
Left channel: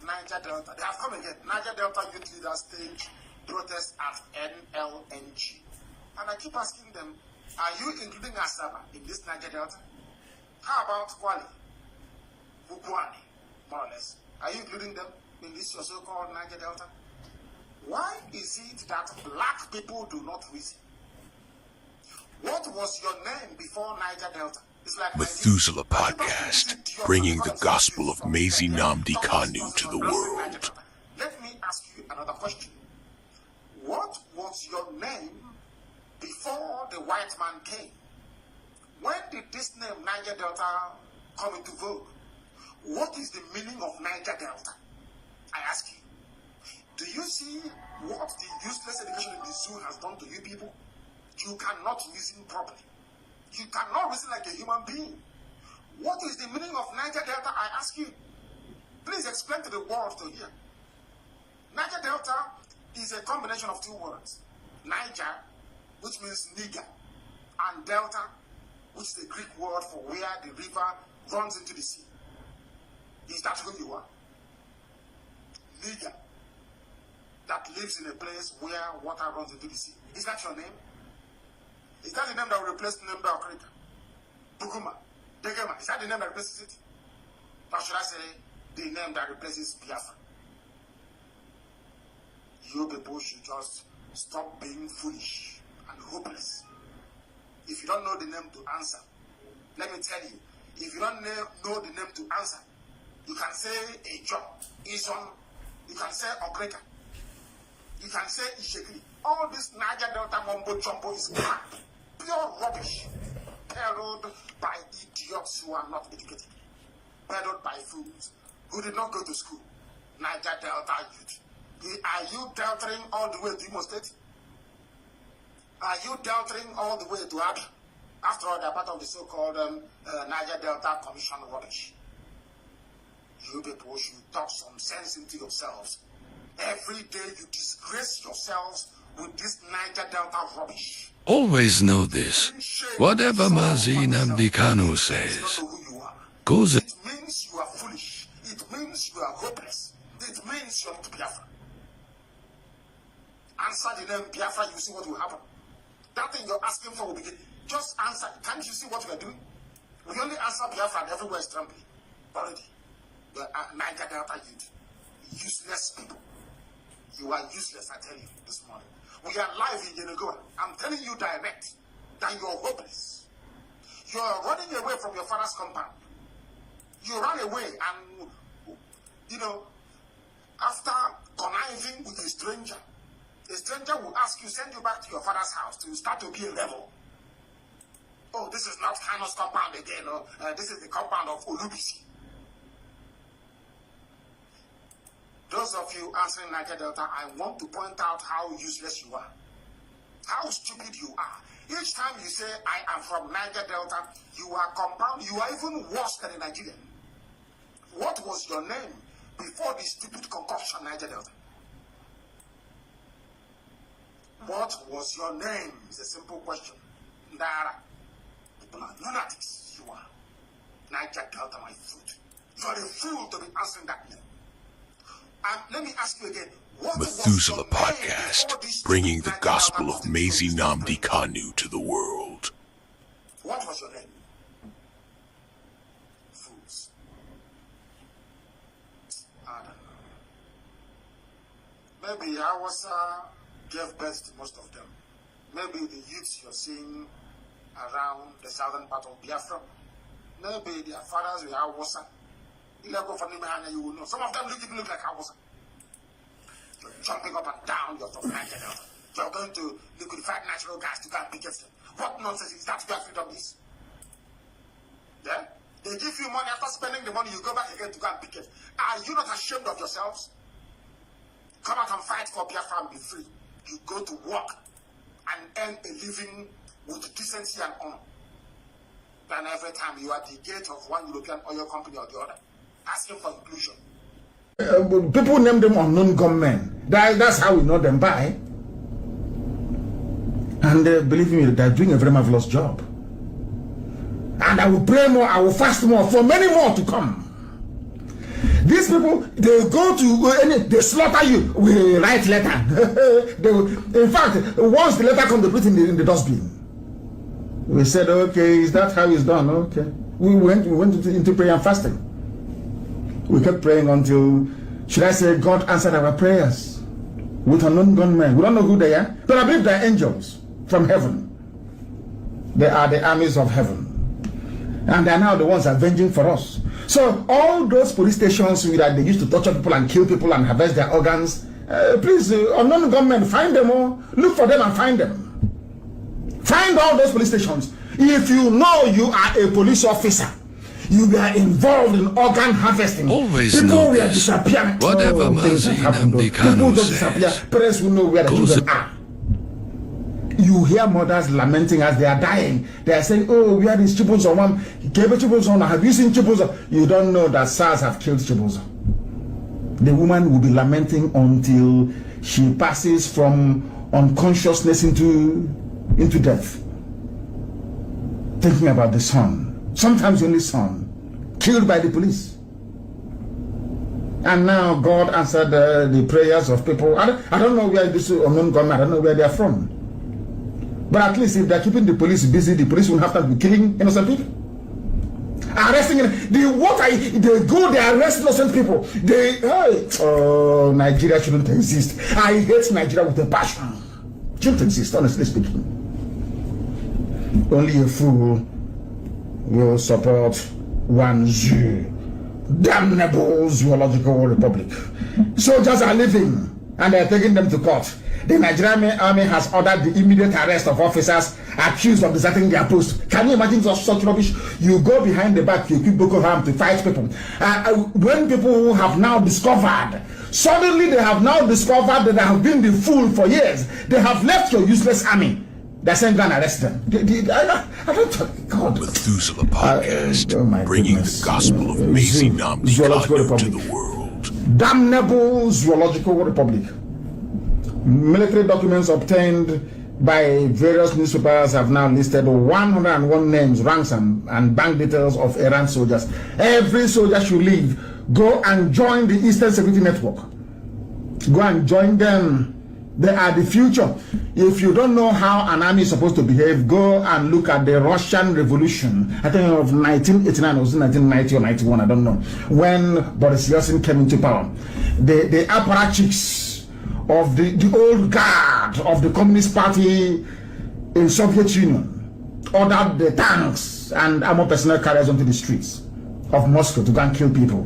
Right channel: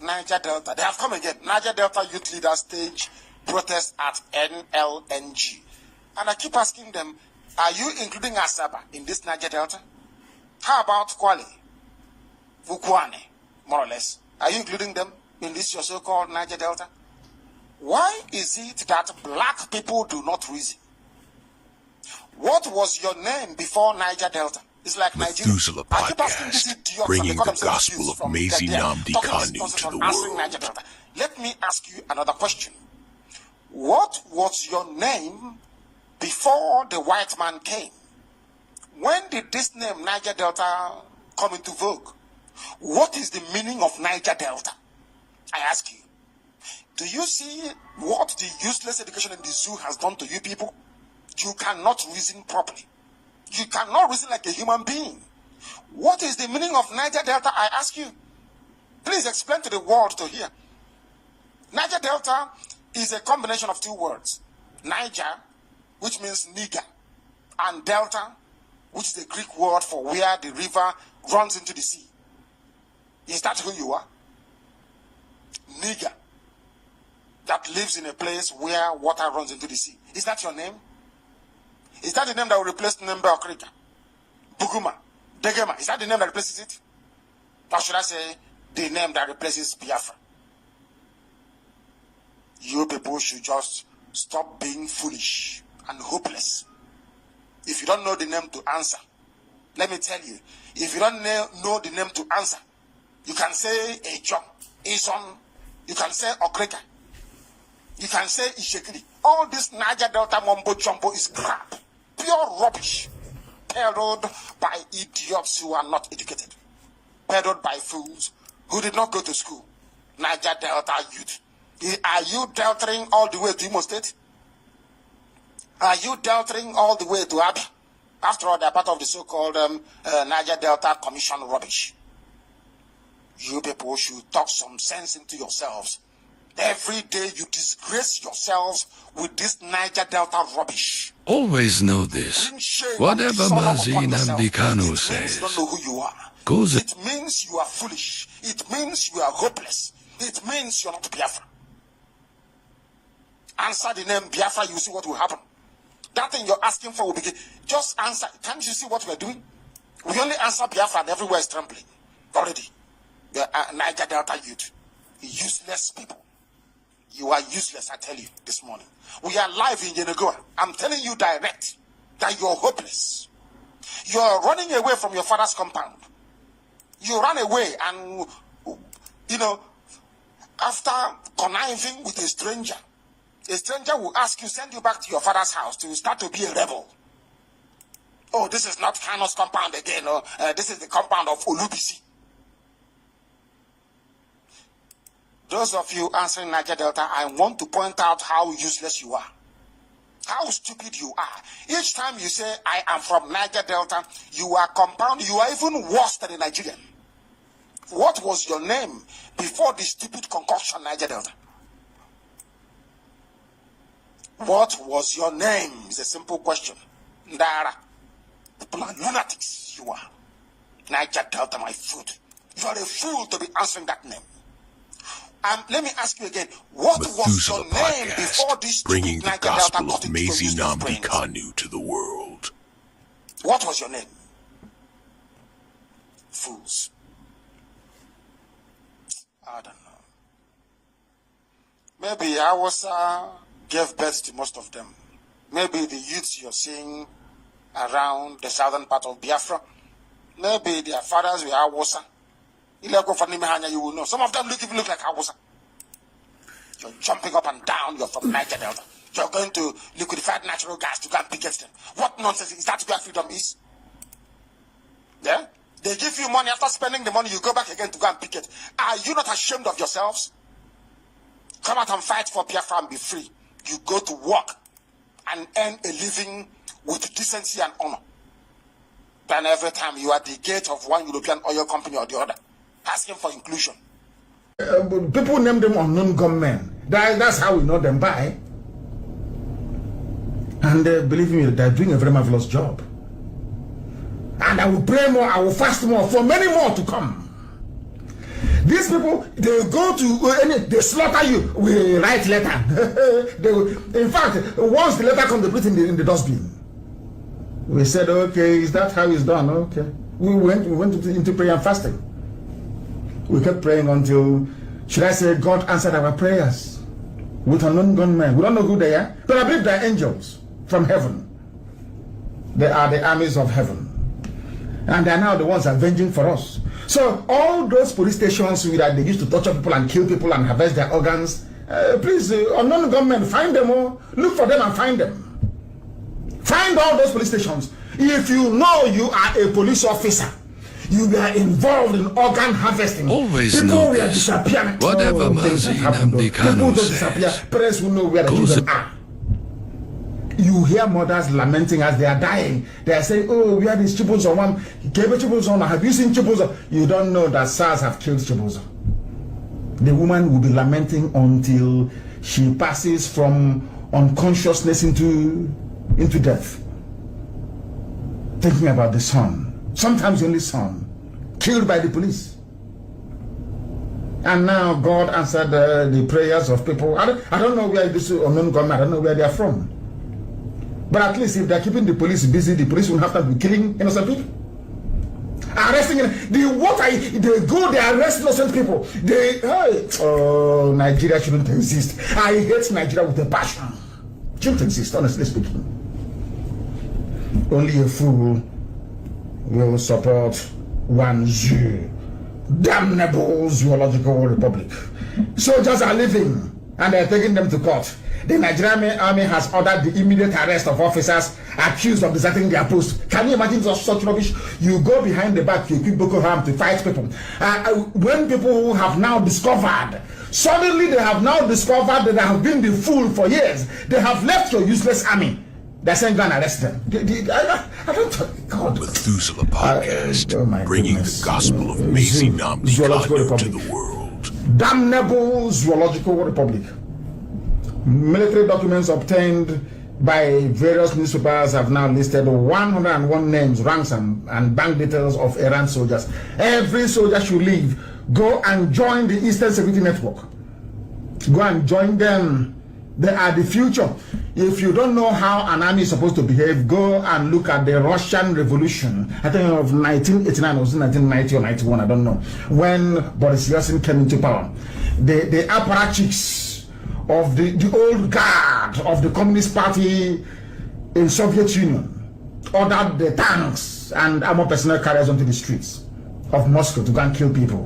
Niger Delta. They have come again. Niger Delta youth leaders stage protest at NLNG. And I keep asking them, are you including Asaba in this Niger Delta? How about Kwale, Vukwane, more or less? Are you including them in this your so-called Niger Delta? Why is it that black people do not reason? What was your name before Niger Delta? It's like Methuselah Podcast, bringing the gospel of Mazi nnamdi Kanu to the world. Let me ask you another question. What was your name before the white man came? When did this name Niger Delta come into vogue? What is the meaning of Niger Delta? I ask you. Do you see what the useless education in the zoo has done to you people? You cannot reason properly. You cannot reason like a human being. What is the meaning of Niger Delta, I ask you? Please explain to the world to hear. Niger Delta is a combination of 2 words. Niger, which means nigger, and Delta, which is the Greek word for where the river runs into the sea. Is that who you are? Nigger, that lives in a place where water runs into the sea. Is that your name? Is that the name that will replace Nembe Okrika? Buguma? Degema? Is that the name that replaces it? Or should I say, the name that replaces Biafra? You people should just stop being foolish and hopeless. If you don't know the name to answer, let me tell you, if you don't know the name to answer, you can say Ejon, Ison, you can say Okrika, you can say Ishekili. All this Niger Delta mumbo jumbo is crap. Pure rubbish, peddled by idiots who are not educated, peddled by fools who did not go to school. Niger Delta youth. Are you deltering all the way to Imo State? Are you deltering all the way to Abia? After all, they are part of the so-called Niger Delta Commission rubbish. You people should talk some sense into yourselves. Every day you disgrace yourselves with this Niger Delta rubbish. Always know this. Whatever Mazi nnamdi Kanu says goes. It means you are foolish. It means you are hopeless. It means you're not Biafra. Answer the name Biafra, you see what will happen. That thing you're asking for will begin. Just answer. Can't you see what we are doing? We only answer Biafra and everywhere is trembling. Already. The Niger Delta youth. Useless people. You are useless, I tell you, this morning. We are live in Yenagoa. I'm telling you direct that you're hopeless. You're running away from your father's compound. You ran away and, after conniving with a stranger A stranger will ask you, send you back to your father's house to start to be a rebel. Oh, this is not Kanu's compound again. Or, this is the compound of Olubisi. Those of you answering Niger Delta, I want to point out how useless you are. How stupid you are. Each time you say, I am from Niger Delta, you are compound, you are even worse than a Nigerian. What was your name before the stupid concoction Niger Delta? What was your name? It's a simple question. Ndara. People are lunatics, you are. Niger Delta, my food. You are a fool to be answering that name. Let me ask you again, what Methuselah was your name Podcast, before this bringing the Niger gospel Delta of Mazi Nnamdi Kanu to the world. What was your name? Fools. I don't know. Maybe I was gave birth to most of them. Maybe the youths you're seeing around the southern part of Biafra, maybe their fathers were Hausa. You will know. Some of them even look like Hausa. You're jumping up and down. You're from Niger Delta. You're going to liquefied natural gas to go and picket them. What nonsense is that where freedom is? Yeah? They give you money. After spending the money, you go back again to go and picket. Are you not ashamed of yourselves? Come out and fight for Biafra and be free. You go to work and earn a living with decency and honor. Then every time you are at the gate of one European oil company or the other, asking for inclusion. People name them unknown gunmen. That's how we know them by. And believe me, they're doing a very marvelous job. And I will pray more, I will fast more, for many more to come. These people, they go to, they slaughter you. We write letter. In fact, once the letter comes, they put it in the dustbin. We said, okay, is that how it's done? Okay. We went into prayer and fasting. We kept praying until, should I say, God answered our prayers with unknown gunmen. We don't know who they are, but I believe they're angels from heaven. They are the armies of heaven. And they are now the ones avenging for us. So all those police stations that they used to torture people and kill people and harvest their organs, please, unknown gunmen, find them all. Look for them and find them. Find all those police stations. If you know you are a police officer, you are involved in organ harvesting. Always know this. Whatever Mazi Nnamdi Kanu says, parents will know where the children are. You hear mothers lamenting as they are dying. They are saying, oh, we had these Chibuzo. Have you seen Chibuzo? You don't know that SARS have killed Chibuzo. The woman will be lamenting until she passes from unconsciousness into death. Thinking about the son. Sometimes the only son, killed by the police. And now God answered the prayers of people. I don't know where this unknown gunmen, I don't know where they are from. But at least if they're keeping the police busy, the police won't have to be killing innocent people. Arresting they go, they arrest innocent people. Nigeria shouldn't exist. I hate Nigeria with a passion. Shouldn't exist, honestly speaking. Only a fool will support one zoo, damnable zoological republic. Soldiers are living and they're taking them to court. The Nigerian army has ordered the immediate arrest of officers accused of deserting their post. Can you imagine such rubbish? You go behind the back, you equip Boko Haram to fight people. When people have now discovered, suddenly they have now discovered that they have been the fool for years. They have left your useless army. They're saying go and arrest them. I don't, God. Methuselah Podcast, bringing the gospel of Mazi Nnamdi Kanu to the world. Damnable zoological republic. Military documents obtained by various newspapers have now listed 101 names, ranks, and bank details of errant soldiers. Every soldier should leave. Go and join the Eastern Security Network. Go and join them. They are the future. If you don't know how an army is supposed to behave, go and look at the Russian Revolution. I think of 1989 or 1990 or 91, I don't know. When Boris Yeltsin came into power. The apparatchiks of the old guard of the Communist Party in Soviet Union ordered the tanks and armored personnel carriers onto the streets of Moscow to go and kill people.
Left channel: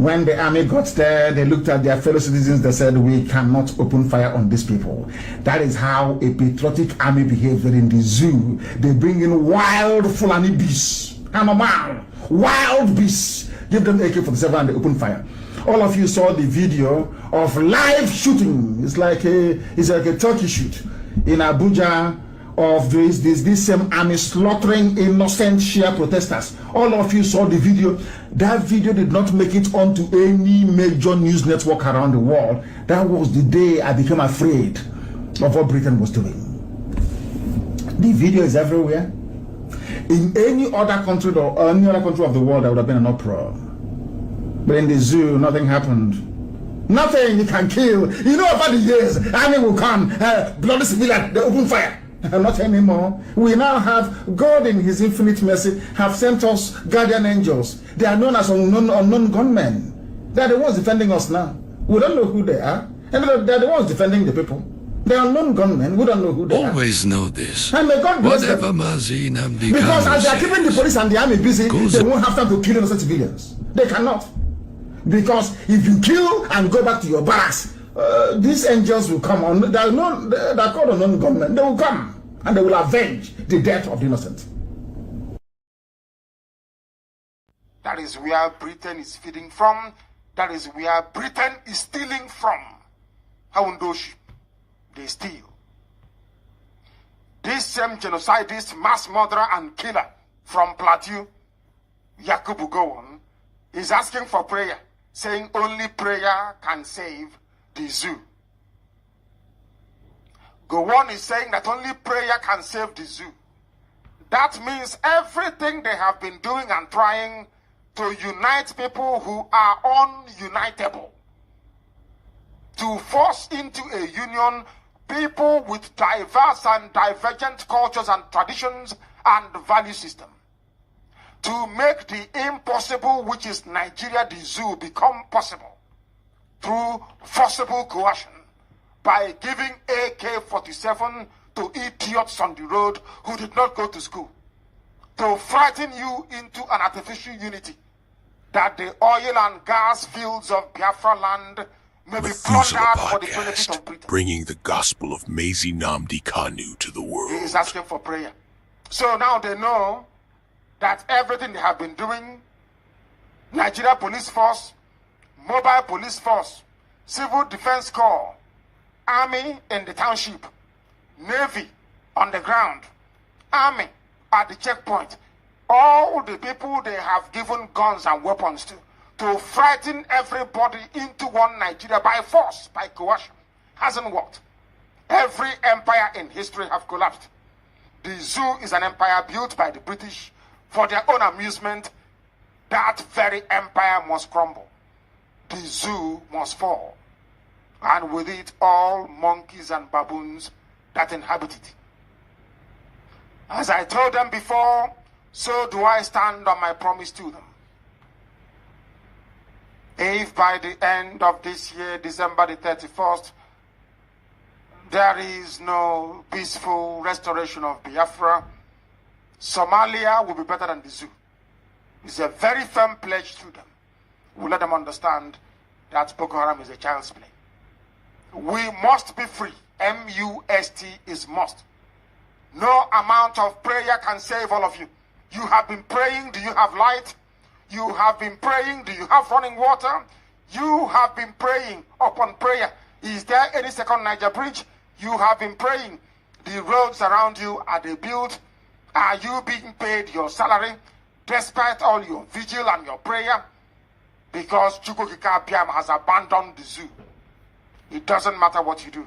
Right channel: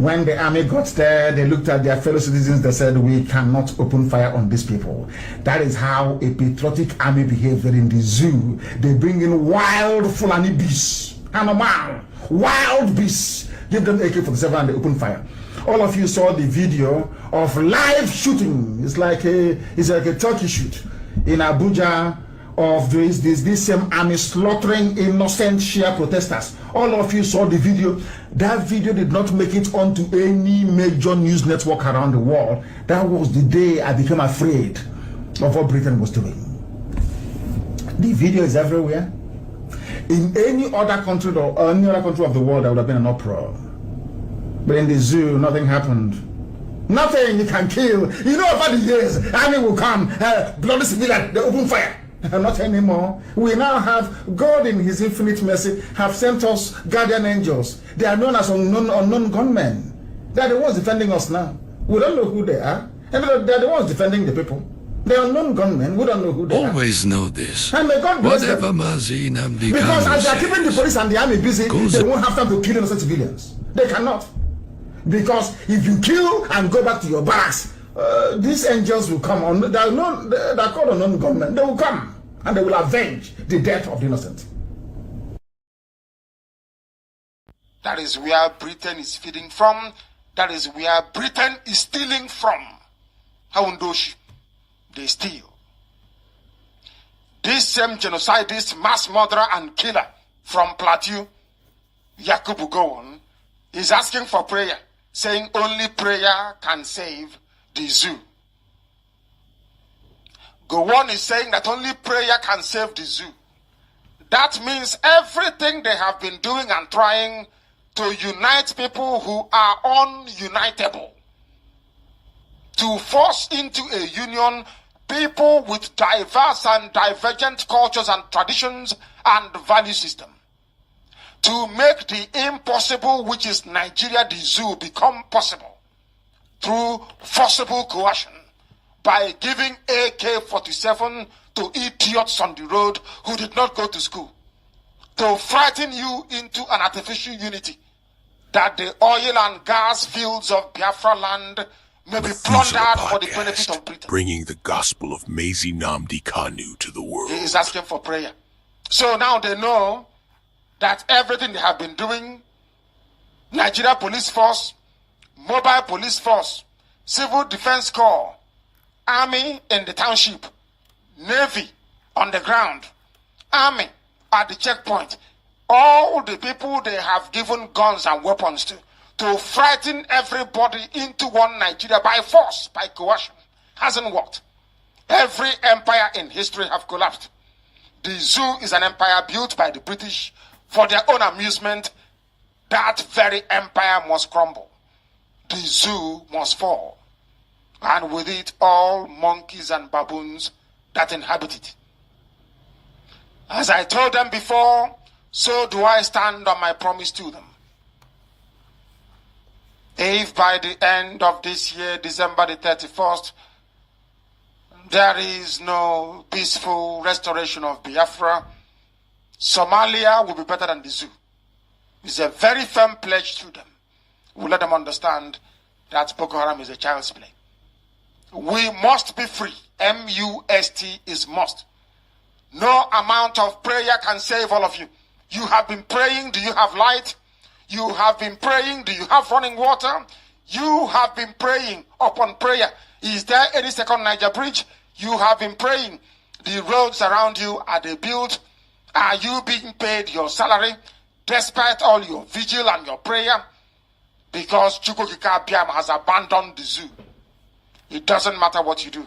When the army got there, they looked at their fellow citizens. They said, we cannot open fire on these people. That is how a patriotic army behaves in the zoo. They bring in wild Fulani beasts, animal, wild beasts. Give them AK-47 and they open fire. All of you saw the video of live shooting. It's like a turkey shoot in Abuja of this same army slaughtering innocent Shia protesters. All of you saw the video. That video did not make it onto any major news network around the world. That was the day I became afraid of what Britain was doing. The video is everywhere. In any other country or any other country of the world, there would have been an uproar. But in the zoo, nothing happened. Nothing. You can kill. You know, over the years, army will come, bloody civilian, they open fire. Not anymore. We now have God in his infinite mercy have sent us guardian angels. They are known as unknown gunmen. They are the ones defending us now. We don't know who they are. And they are the ones defending the people. They are unknown gunmen. We don't know who they are. Always know this. And may God bless Whatever them. Mazi, nnamdi Because Kanu as they are keeping the police and the army busy, they won't have time to kill innocent civilians. They cannot. Because if you kill and go back to your barracks, these angels will come on. They are called unknown gunmen. They will come and they will avenge the death of the innocent. That is where Britain is feeding from. That is where Britain is stealing from. Haundoshi, they steal. This same genocidist, mass murderer and killer from Plateau, Yakubu Gowon, is asking for prayer, saying only prayer can save the zoo. Gowon is saying that only prayer can save the zoo. That means everything they have been doing and trying to unite people who are ununitable, to force into a union people with diverse and divergent cultures and traditions and value system, to make the impossible, which is Nigeria, the zoo, become possible through forcible coercion by giving AK-47 to idiots on the road who did not go to school, to frighten you into an artificial unity that the oil and gas fields of Biafra land may be plundered for the benefit of Britain. Bringing the gospel of Mazi nnamdi Kanu to the world. He is asking for prayer. So now they know that everything they have been doing, Nigeria Police Force, Mobile Police Force, Civil Defense Corps, Army in the township, Navy on the ground, Army at the checkpoint, all the people they have given guns and weapons to frighten everybody into one Nigeria by force, by coercion, hasn't worked. Every empire in history have collapsed. The zoo is an empire built by the British for their own amusement. That very empire must crumble. The zoo must fall. And with it, all monkeys and baboons that inhabit it. As I told them before, so do I stand on my promise to them. If by the end of this year, December the 31st, there is no peaceful restoration of Biafra, Somalia will be better than the zoo. It's a very firm pledge to them. We'll let them understand that Boko Haram is a child's play. We must be free. M-U-S-T is must. No amount of prayer can save all of you. You have been praying. Do you have light? You have been praying. Do you have running water? You have been praying upon prayer. Is there any second Niger bridge? You have been praying. The roads around you, are they built? Are you being paid your salary despite all your vigil and your prayer? Because Chukwukika Biam has abandoned the zoo. It doesn't matter what you do.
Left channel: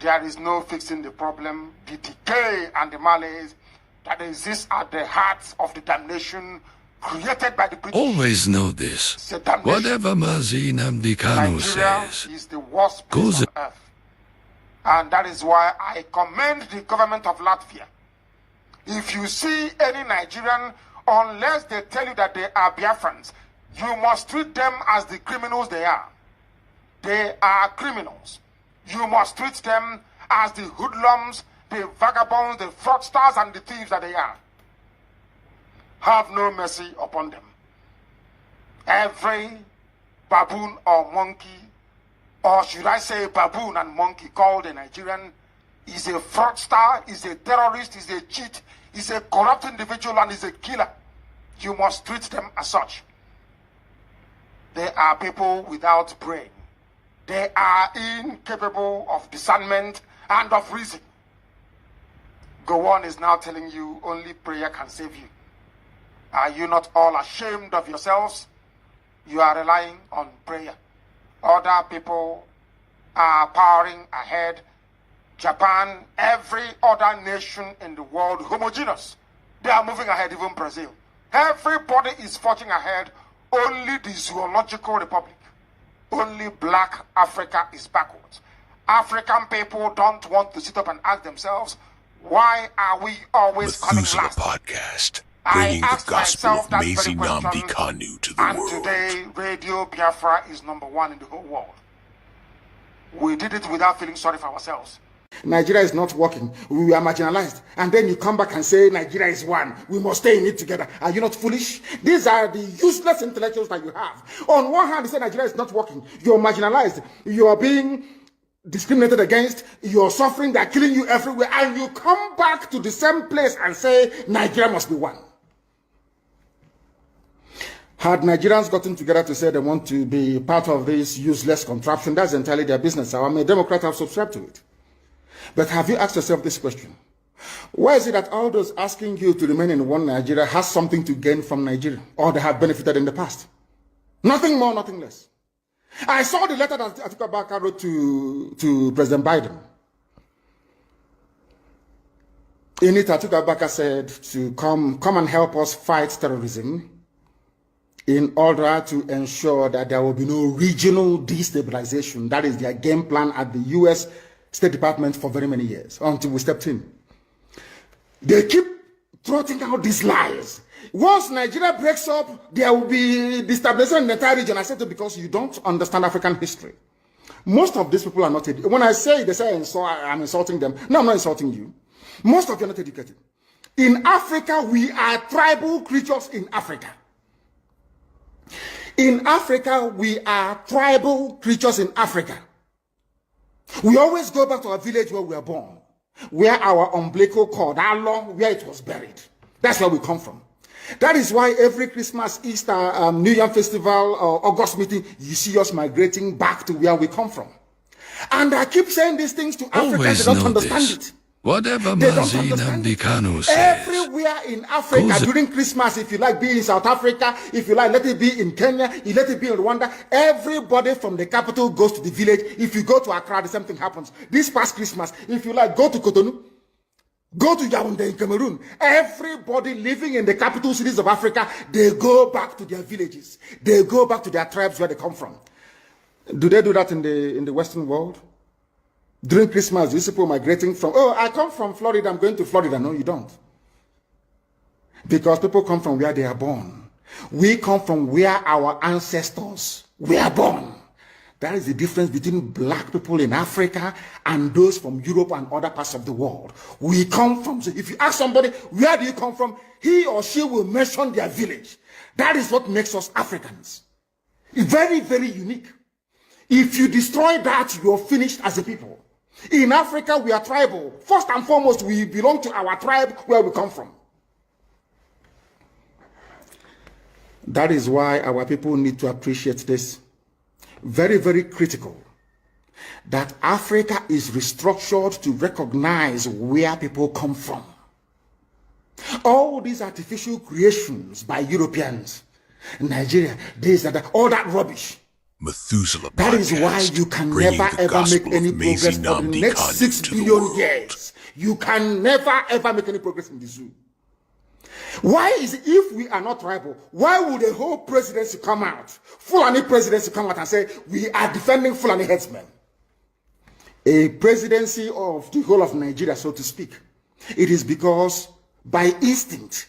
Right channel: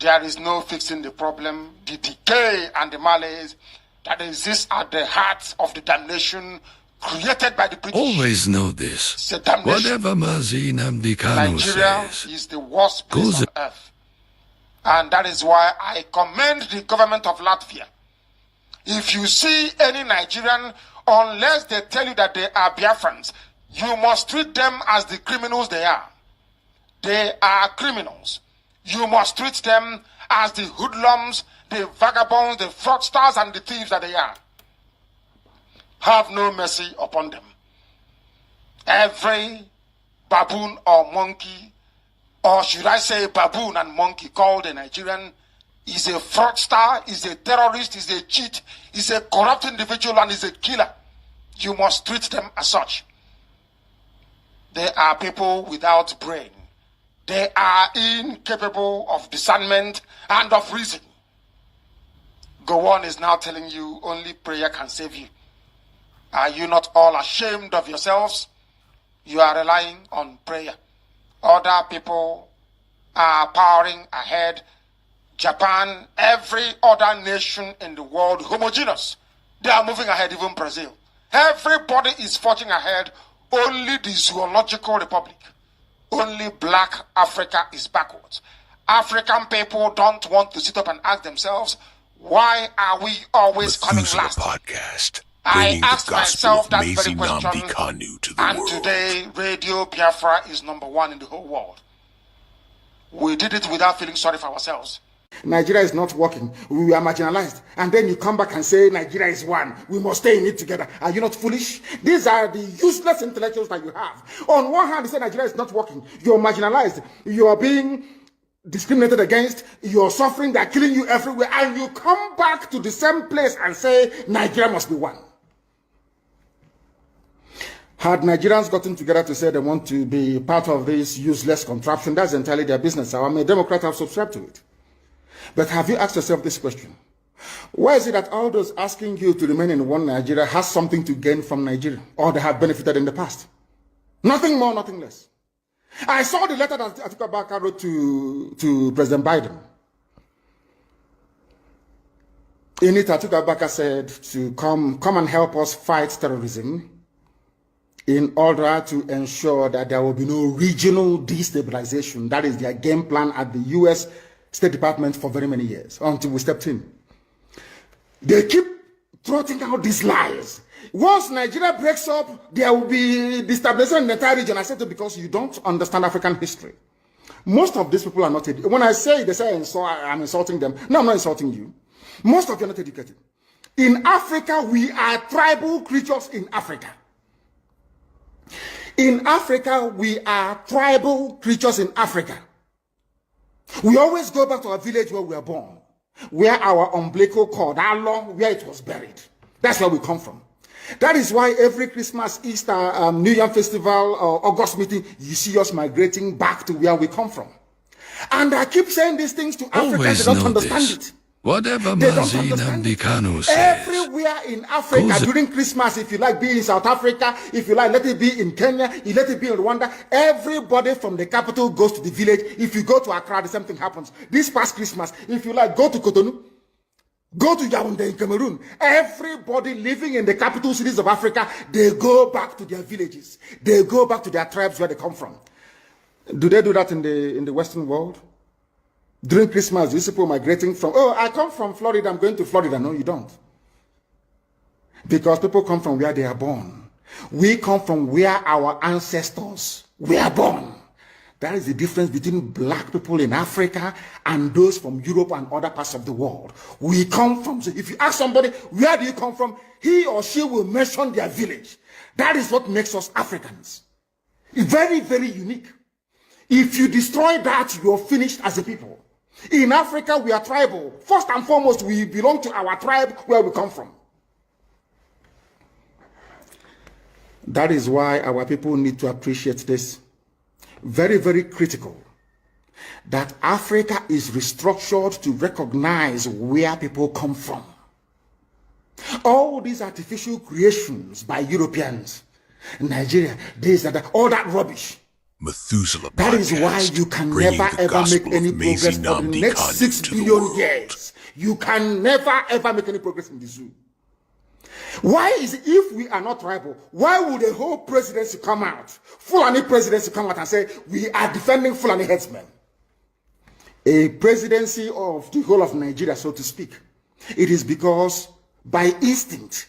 There is no fixing the problem. The decay and the malaise that exists at the heart of the damnation created by the British. Always know this. Whatever Mazi nnamdi Kanu Nigeria says is the worst place on earth. And that is why I commend the government of Latvia. If you see any Nigerian, unless they tell you that they are Biafrans, you must treat them as the criminals they are. They are criminals. You must treat them as the hoodlums, the vagabonds, the fraudsters, and the thieves that they are. Have no mercy upon them. Every baboon or monkey, or should I say baboon and monkey called a Nigerian, is a fraudster, is a terrorist, is a cheat, is a corrupt individual, and is a killer. You must treat them as such. They are people without brain. They are incapable of discernment and of reason. Gowon is now telling you only prayer can save you. Are you not all ashamed of yourselves? You are relying on prayer. Other people are powering ahead. Japan, every other nation in the world, homogeneous. They are moving ahead, even Brazil. Everybody is forging ahead. Only the zoological republic, only black Africa is backwards. African people don't want to sit up and ask themselves, why are we always coming last? Podcast, bringing the gospel of Mazi Nnamdi Kanu to the world. And today, Radio Biafra is #1 in the whole world. We did it without feeling sorry for ourselves. Nigeria is not working. We are marginalized. And then you come back and say Nigeria is one. We must stay in it together. Are you not foolish? These are the useless intellectuals that you have. On one hand, you say Nigeria is not working. You're marginalized. You are being discriminated against. You're suffering. They're killing you everywhere. And you come back to the same place and say Nigeria must be one. Had Nigerians gotten together to say they want to be part of this useless contraption, that's entirely their business. I'm a Democrat, I've subscribed to it. But have you asked yourself this question? Why is it that all those asking you to remain in one Nigeria has something to gain from Nigeria, or they have benefited in the past? Nothing more, nothing less. I saw the letter that Atiku Abubakar wrote to President Biden. In it, Atiku Abubakar said to come and help us fight terrorism in order to ensure that there will be no regional destabilization. That is their game plan at the U.S. State Department for very many years, until we stepped in. They keep trotting out these lies. Once Nigeria breaks up, there will be destabilization in the entire region. I said it because you don't understand African history. Most of these people are not educated. When I say, they say I'm insulting them. No, I'm not insulting you. Most of you are not educated. In Africa, we are tribal creatures in Africa. In Africa, we are tribal creatures in Africa. We always go back to our village where we were born, where our umbilical cord, our long, where it was buried. That's where we come from. That is why every Christmas, Easter, New Year festival, or August meeting, you see us migrating back to where we come from. And I keep saying these things to Africans, they don't understand it. Whatever Mazi Nnamdi Kanu says. Everywhere in Africa during Christmas, if you like, be in South Africa, if you like, let it be in Kenya, you let it be in Rwanda, everybody from the capital goes to the village. If you go to Accra, the same thing happens. This past Christmas, if you like, go to Cotonou, go to Yaoundé in Cameroon. Everybody living in the capital cities of Africa, they go back to their villages. They go back to their tribes where they come from. Do they do that in the Western world? During Christmas, these people migrating from, oh, I come from Florida, I'm going to Florida. No, you don't. Because people come from where they are born. We come from where our ancestors were born. That is the difference between black people in Africa and those from Europe and other parts of the world. We come from, so if you ask somebody, where do you come from? He or she will mention their village. That is what makes us Africans. It's very, very unique. If you destroy that, you're finished as a people. In Africa, we are tribal. First and foremost, we belong to our tribe where we come from. That is why our people need to appreciate this. Very, very critical. That Africa is restructured to recognize where people come from. All these artificial creations by Europeans, Nigeria, this and that, all that rubbish. Methuselah that is why you can never ever make any progress for the next 6 billion years. You can never ever make any progress in the zoo. Why is it, if we are not tribal, why would the whole presidency come out, Fulani presidency come out and say, we are defending Fulani headsmen? A presidency of the whole of Nigeria, so to speak. It is because by instinct,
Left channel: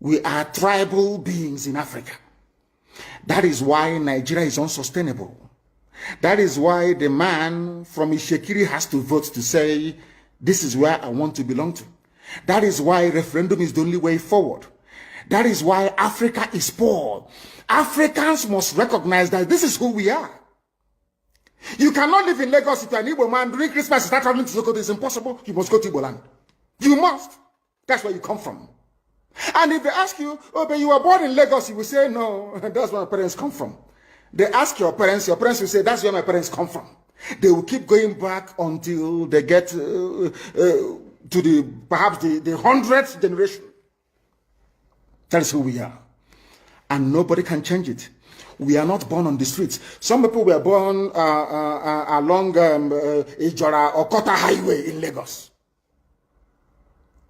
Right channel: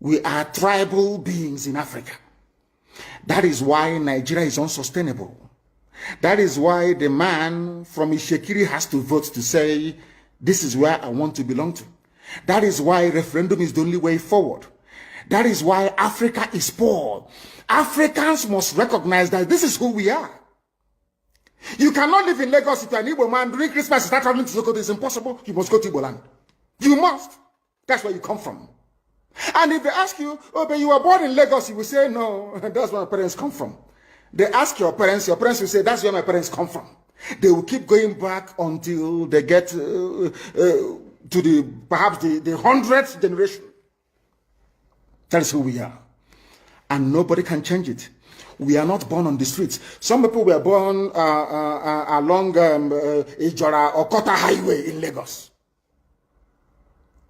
we are tribal beings in Africa. That is why Nigeria is unsustainable. That is why the man from Ishekiri has to vote to say, this is where I want to belong to. That is why referendum is the only way forward. That is why Africa is poor. Africans must recognize that this is who we are. You cannot live in Lagos if you're an Igbo man. During Christmas, you start traveling to Sokoto. It's impossible. You must go to Igbo land. You must. That's where you come from. And if they ask you, oh, but you were born in Lagos, you will say, no, that's where my parents come from. They ask your parents will say, that's where my parents come from. They will keep going back until they get to perhaps the 100th generation. That is who we are. And nobody can change it. We are not born on the streets. Some people were born along Ijora or Kota Highway in Lagos.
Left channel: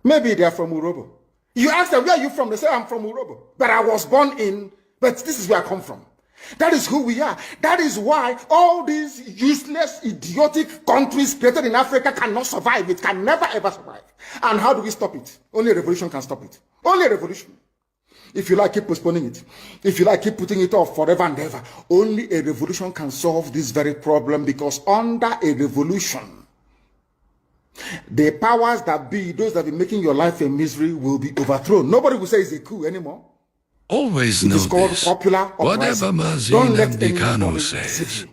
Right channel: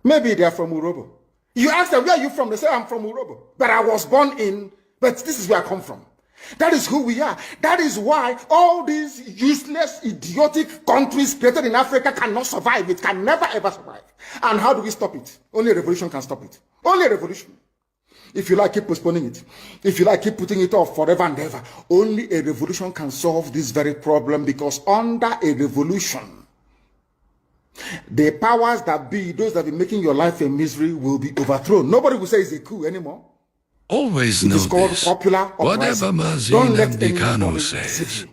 Maybe they are from Urobo. You ask them, where are you from? They say, I'm from Urobo. But I was born in, but this is where I come from. That is who we are. That is why all these useless, idiotic countries created in Africa cannot survive. It can never ever survive. And how do we stop it? Only a revolution can stop it. Only a revolution. If you like, keep postponing it. If you like, keep putting it off forever and ever. Only a revolution can solve this very problem, because under a revolution, the powers that be, those that be making your life a misery, will be overthrown. Nobody will say it's a coup anymore. Always know this. Whatever Mazi nnamdi Kanu says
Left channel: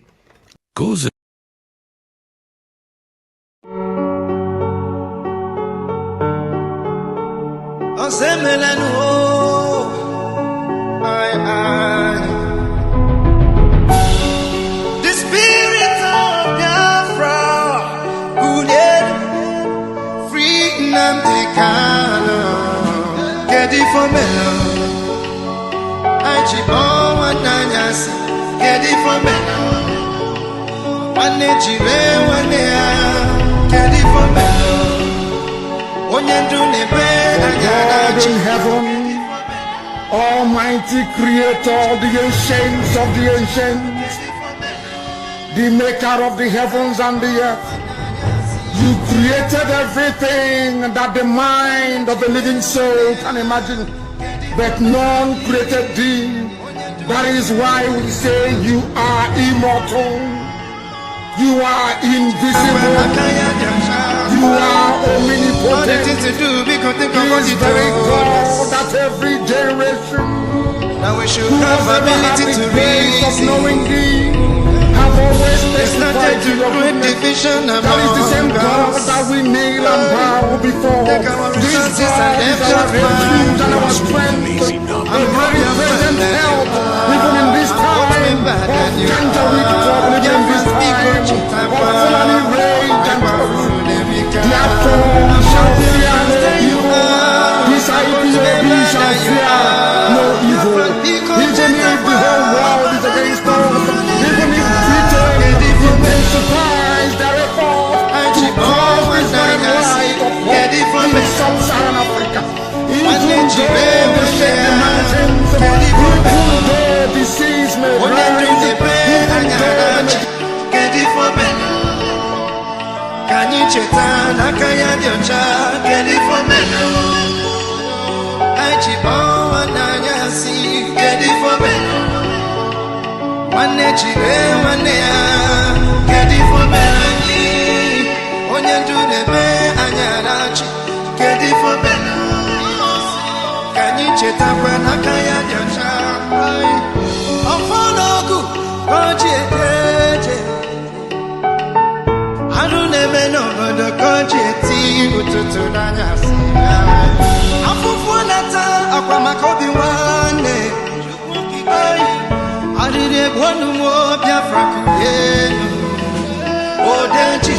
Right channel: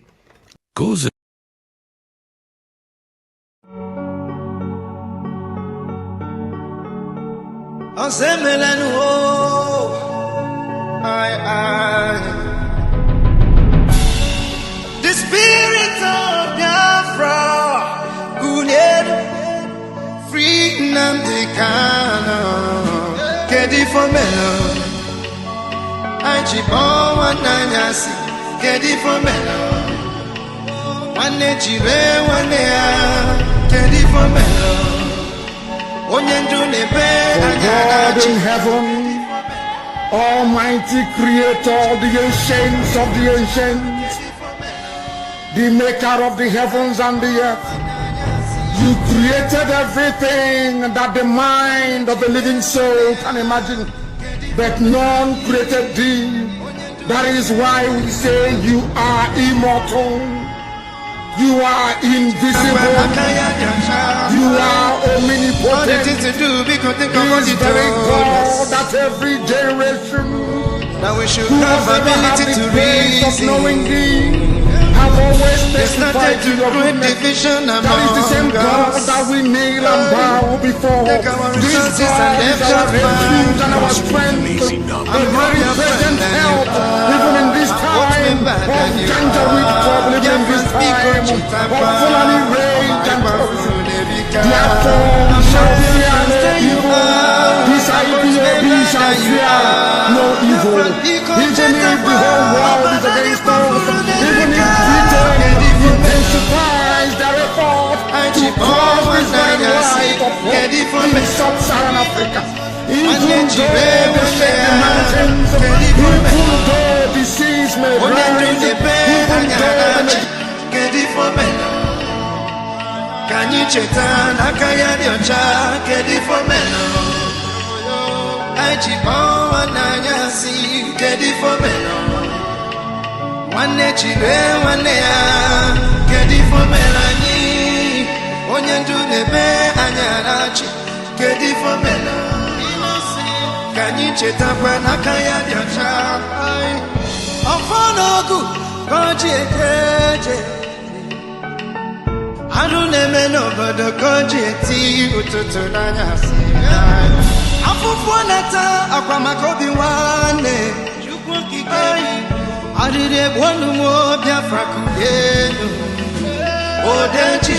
goes. The spirit of Biafra, free nnamdi Kanu, get it for me. Ajibo wananyasi kedi for melo wane jire wane a kedi for melo onyendu nebe God in heaven, Almighty Creator, the ancients of the ancients, the maker of the heavens and the earth, you created everything that the mind of the living soul can imagine, but none created thee. That is why we say you are immortal, you are invisible, you are omnipotent. He is very God that every generation who has ever had the grace of knowing thee have always testified to your goodness. That is the same God that we kneel and bow before. This God is our refuge and our strength, a very present help, even in this time of Janjaweed trouble, even in this time of Fulani rage and terrorism. Therefore we shall fear no evil. This IPOB shall fear no evil. Even if the whole world is against us, even if Britain intensifies their effort to cause this very light of hope in sub-Saharan Africa. Even though they shake the mountains, even though the seas may rise, even though Kanyi cheta nakaya diocha kedi for meno Ajibo wananyasi kedi for meno Wane chire wane ya kedi for meno Onyendu nebe anyarachi kedi for meno Kanyi cheta kwa nakaya diocha Ofonogu koji eteje Anu neme no bodo koji eti ututu nanyasi Afufu nata akwa makobi wane Chukwu kikari Arire bwanu mo Biafra kuyenu Odenchi